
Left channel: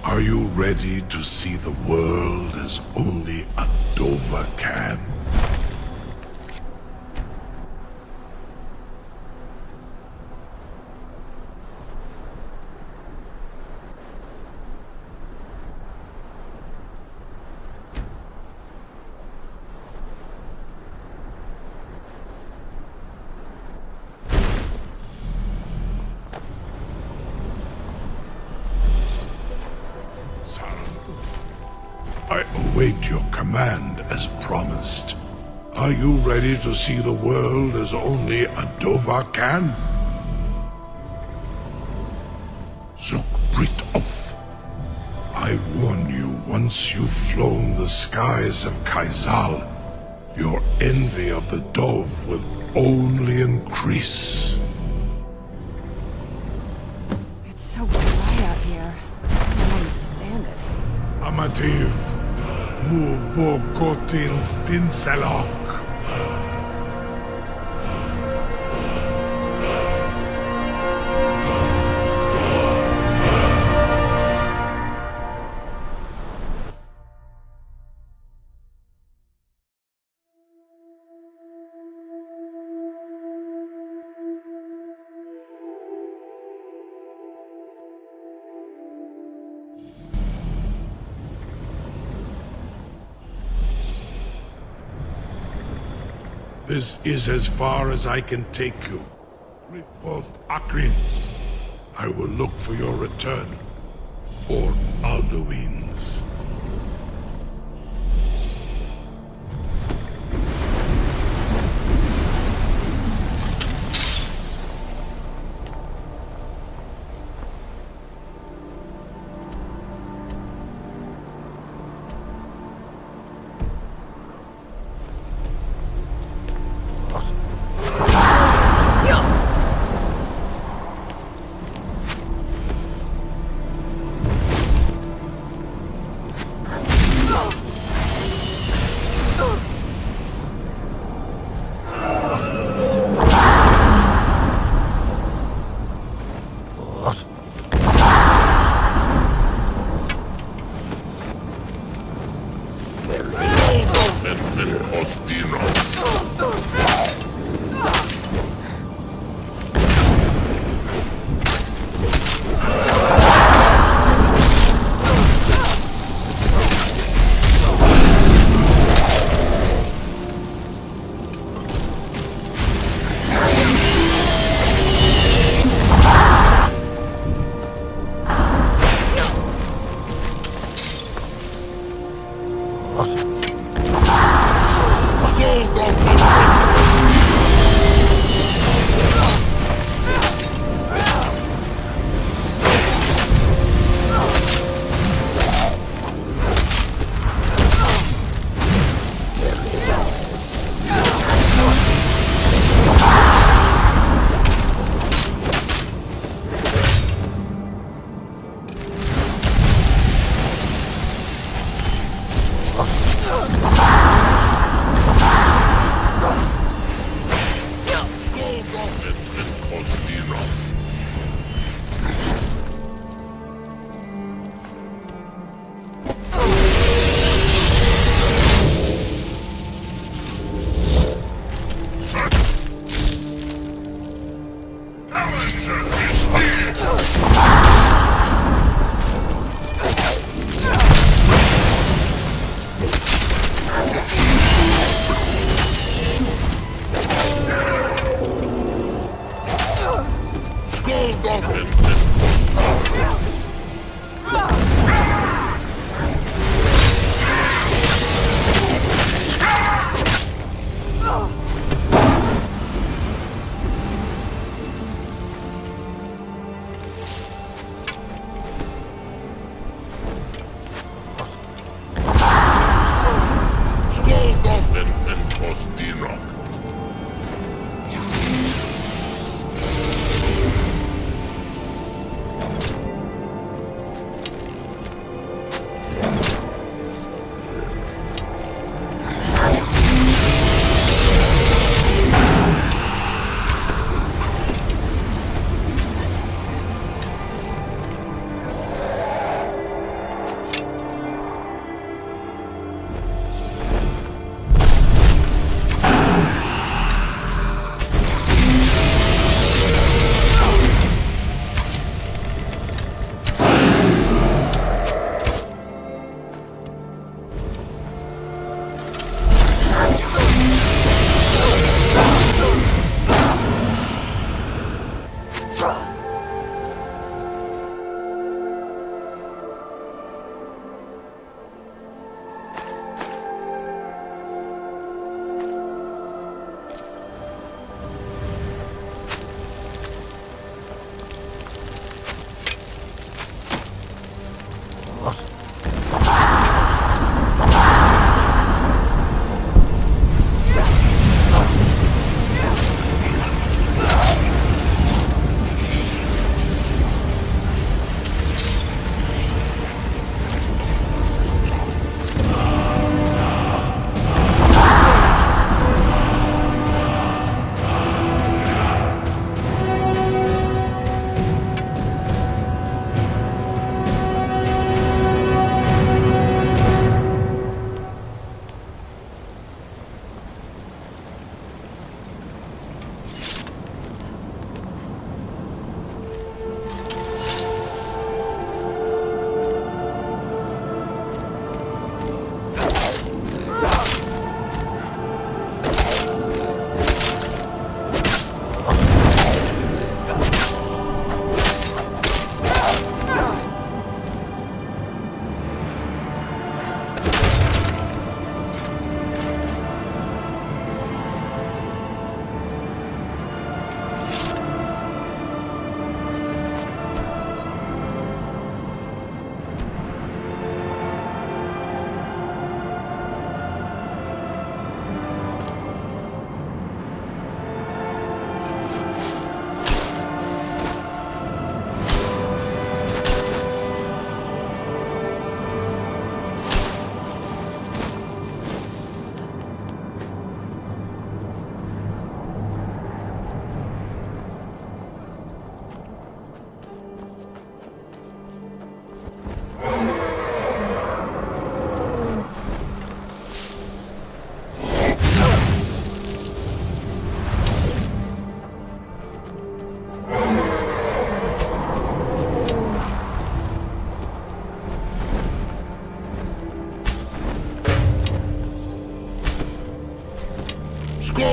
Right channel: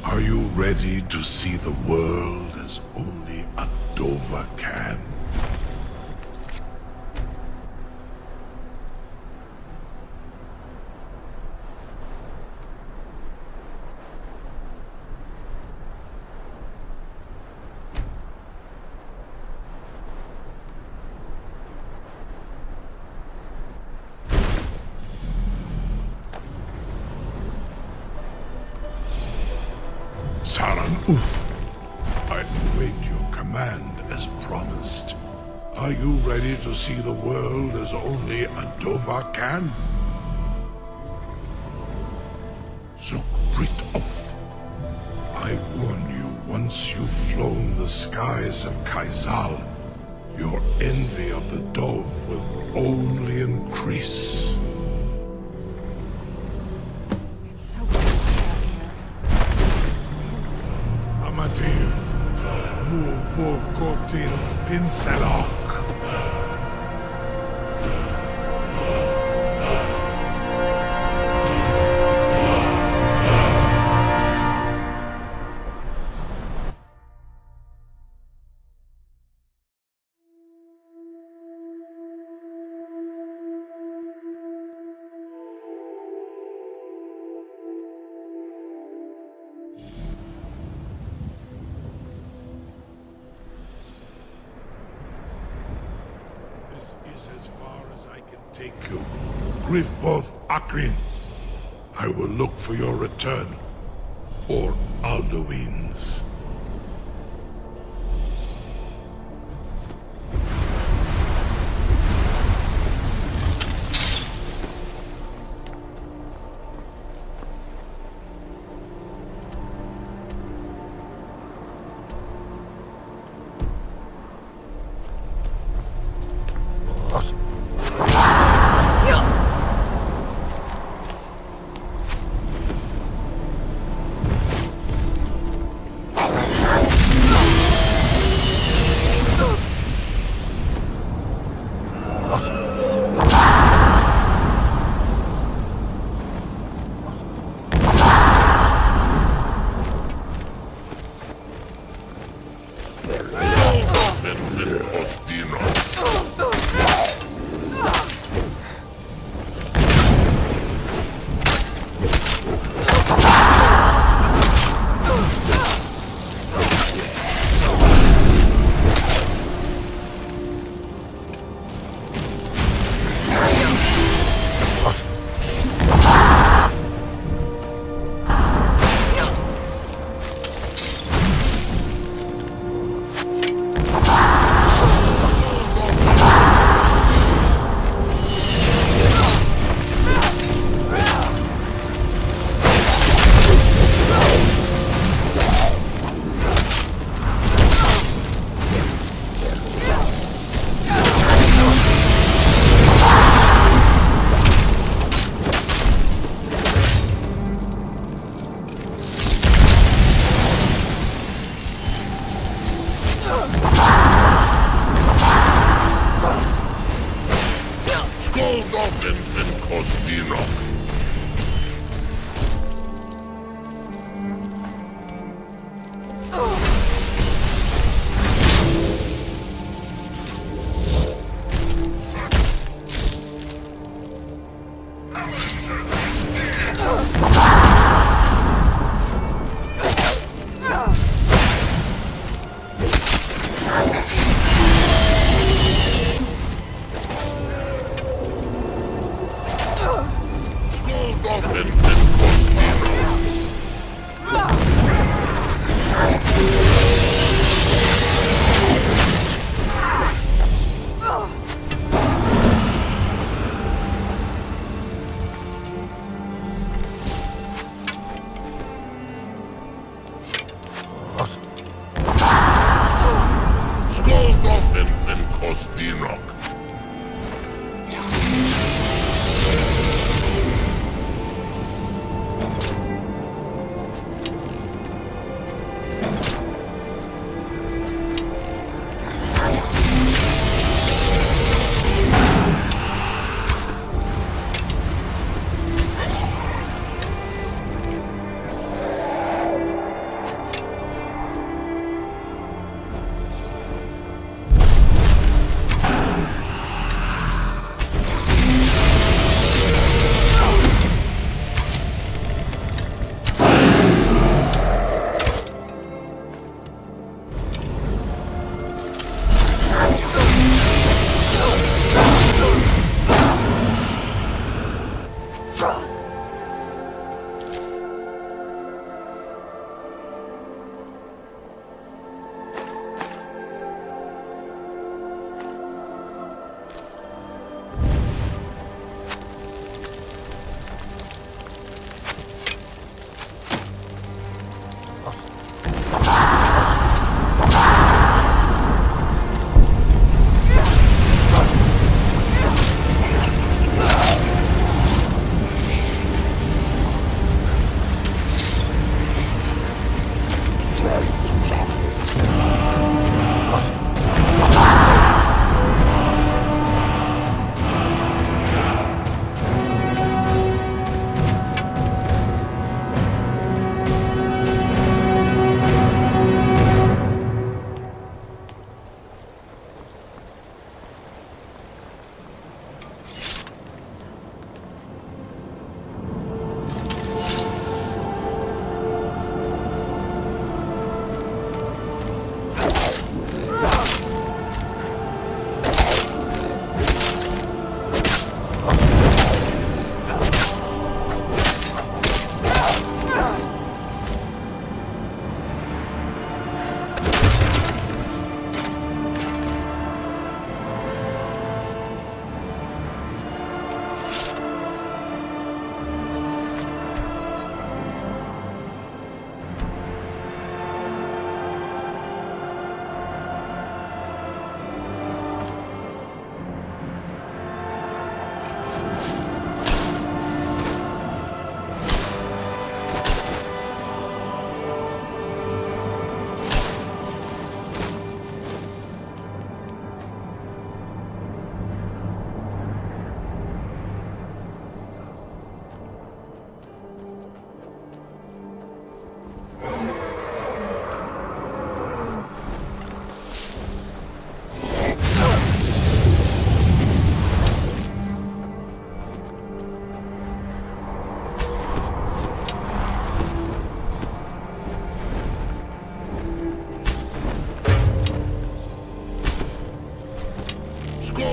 Are you ready to see the world as only Adova can? I await your command as promised. Are you ready to see the world as only Adova can? Zuk Britoth. I warn you, once you've flown the skies of Kaizal, your envy of the Dove will only increase. Amativ, mu bo kotin stinselok. This is as far as I can take. Griffboth Akrin. I will look for your return. Or Alduin's.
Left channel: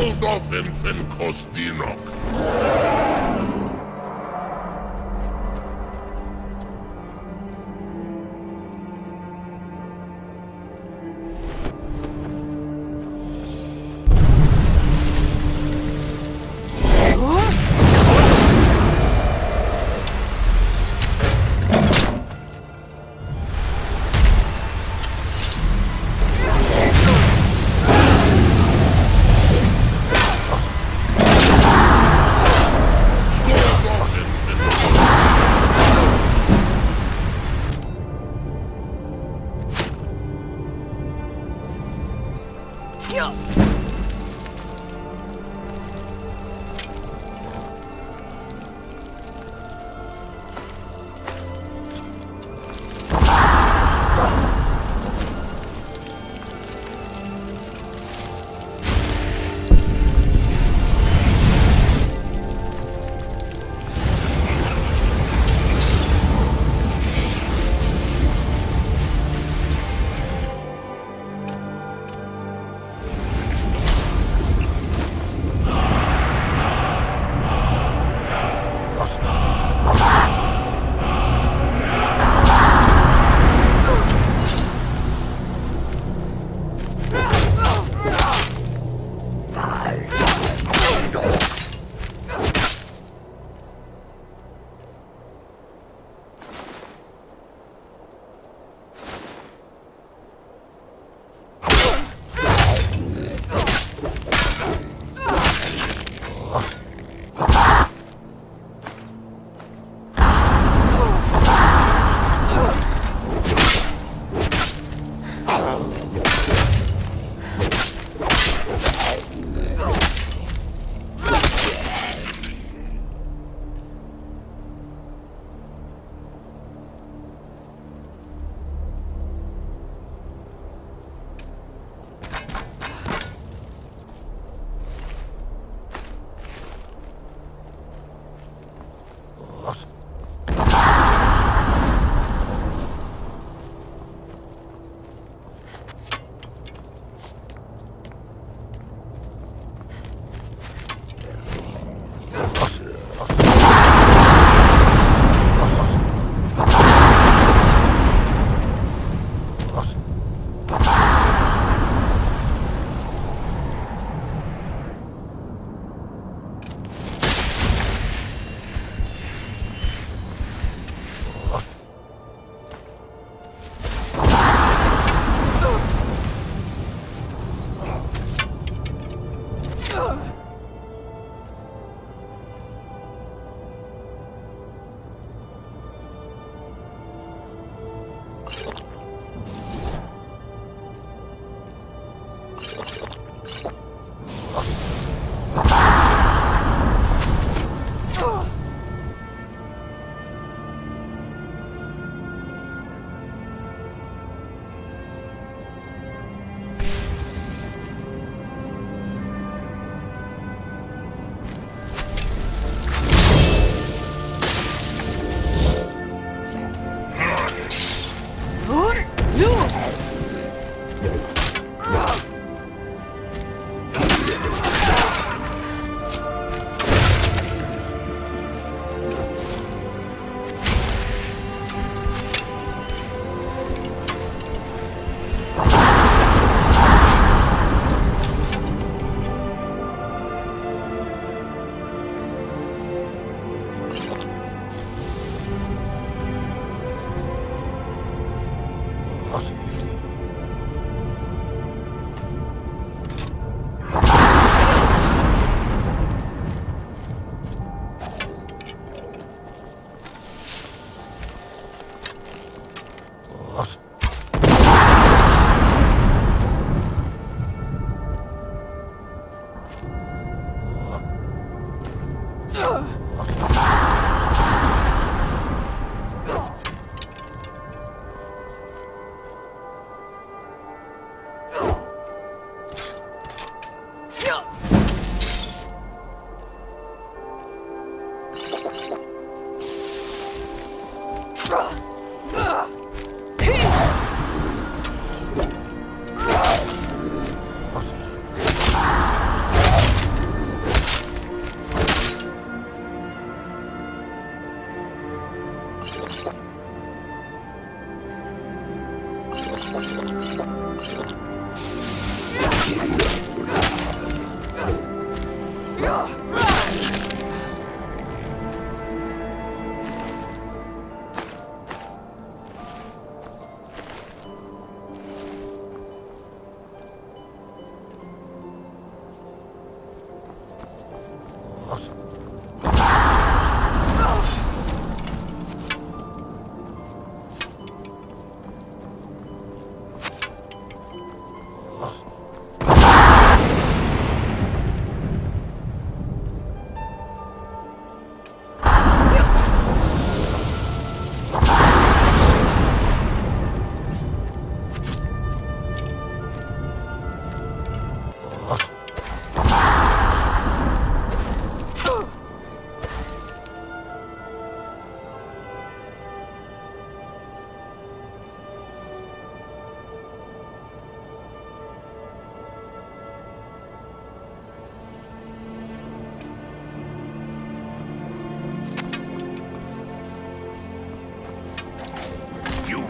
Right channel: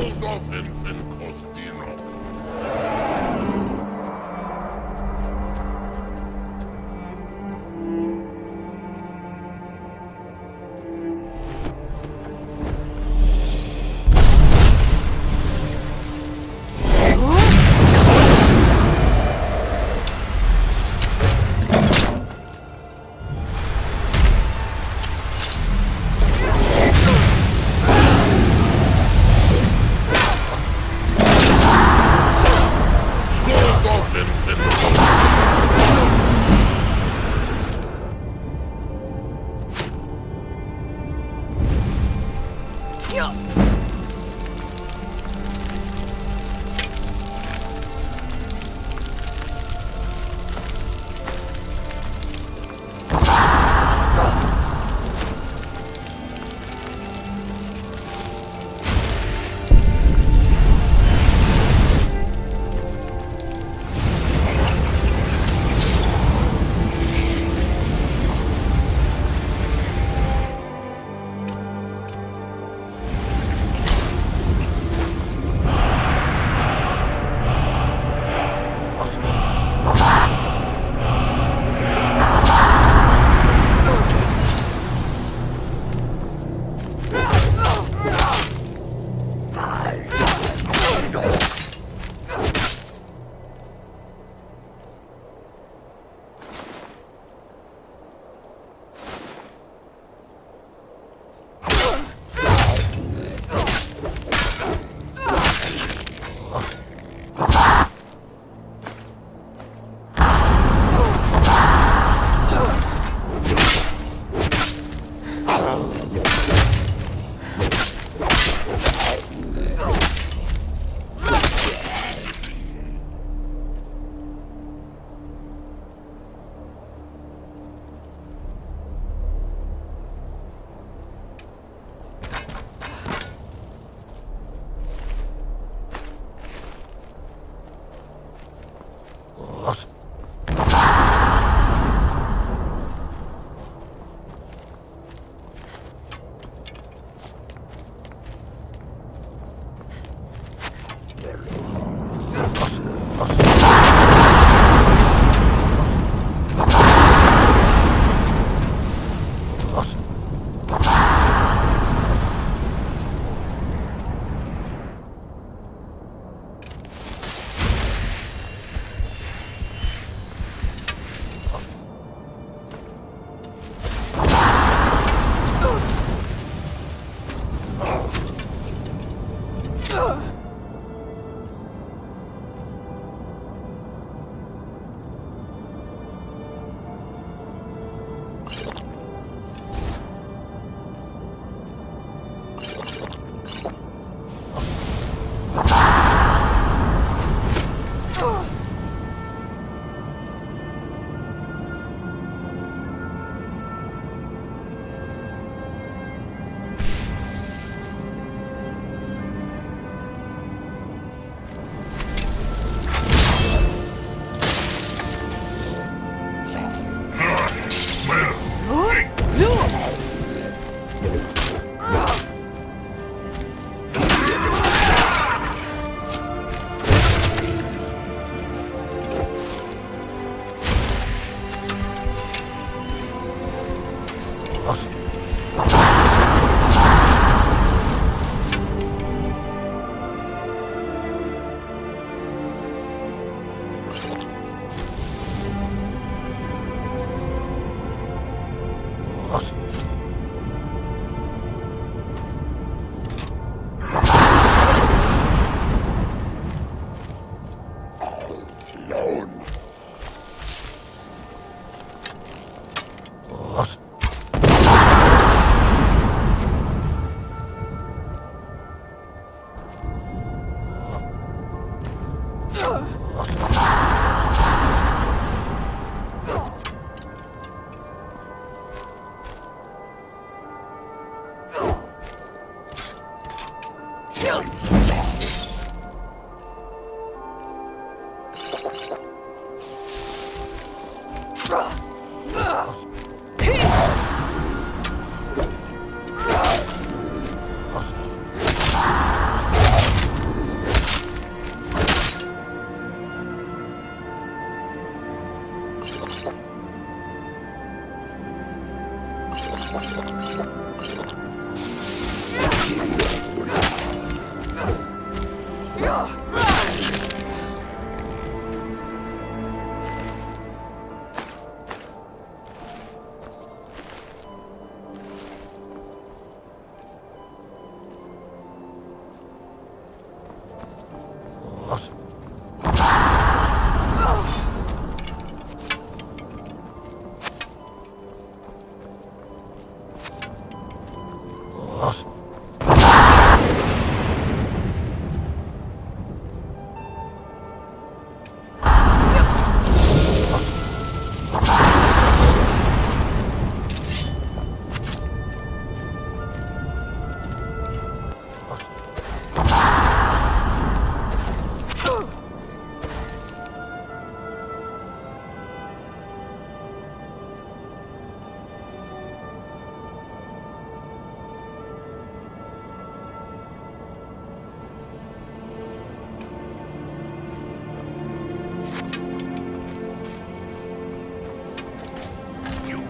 Fen Kostinok.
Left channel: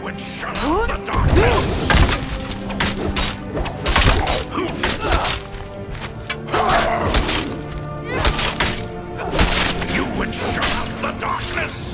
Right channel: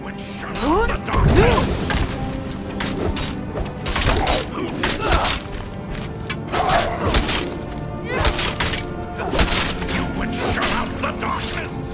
would shut out the darkness! You would shut out the darkness!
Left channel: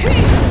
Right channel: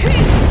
Hey!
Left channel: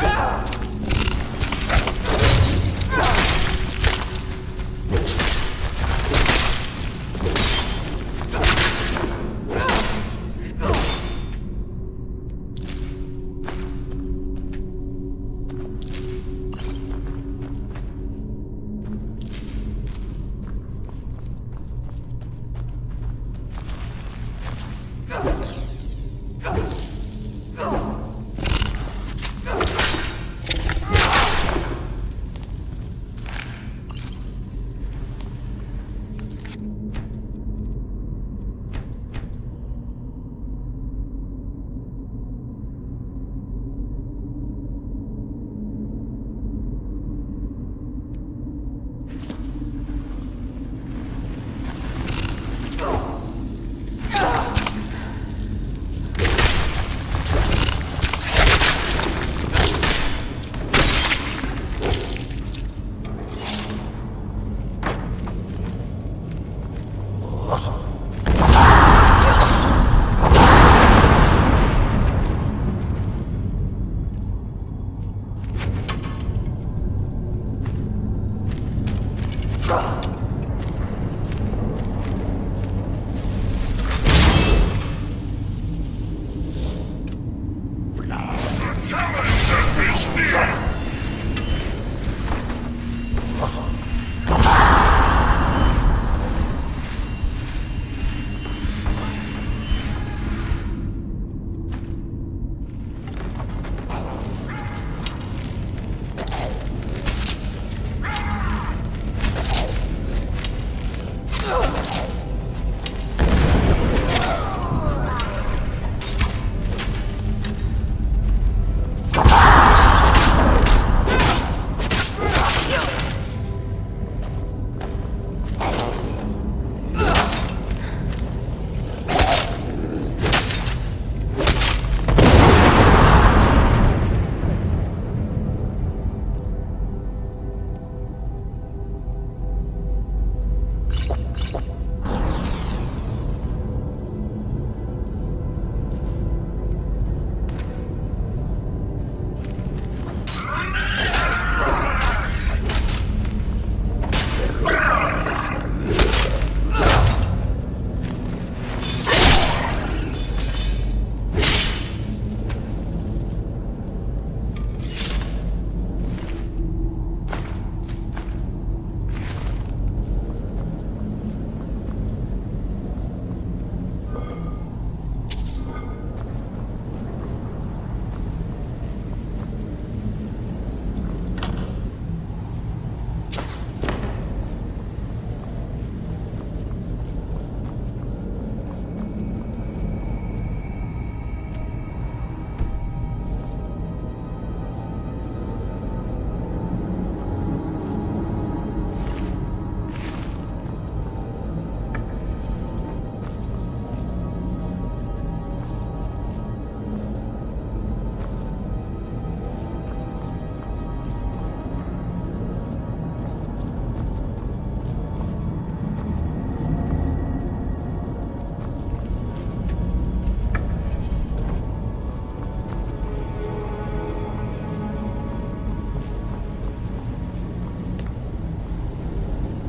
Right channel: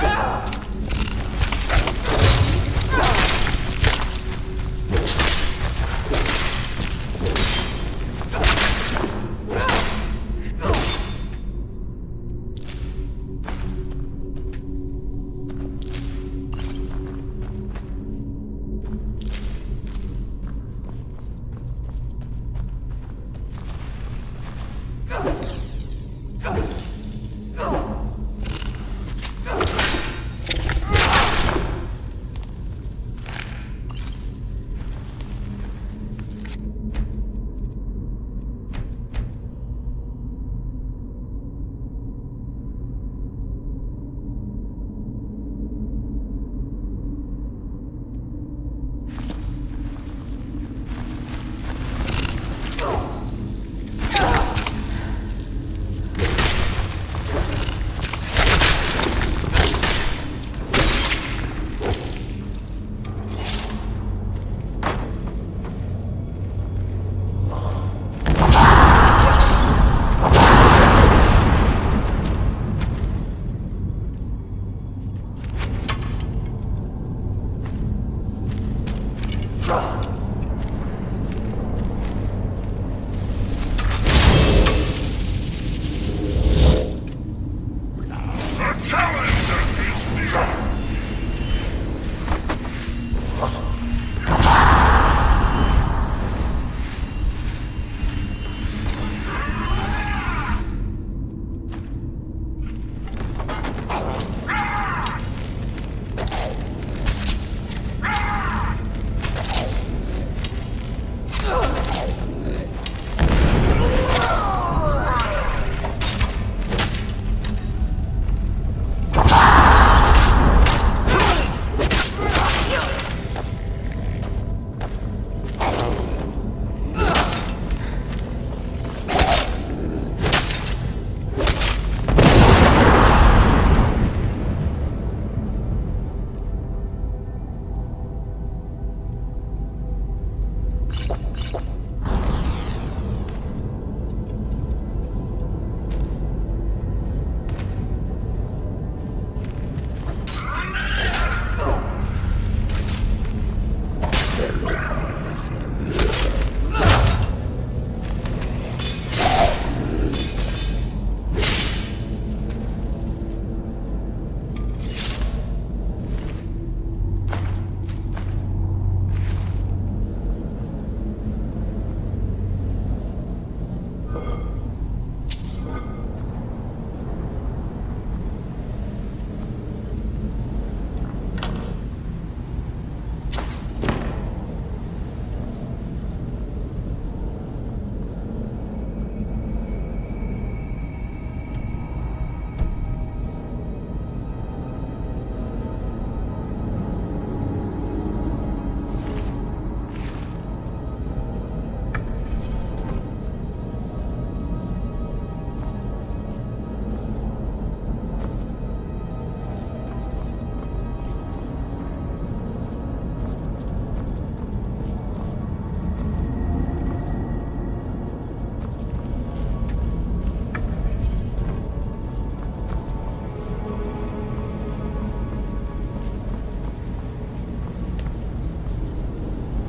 Go!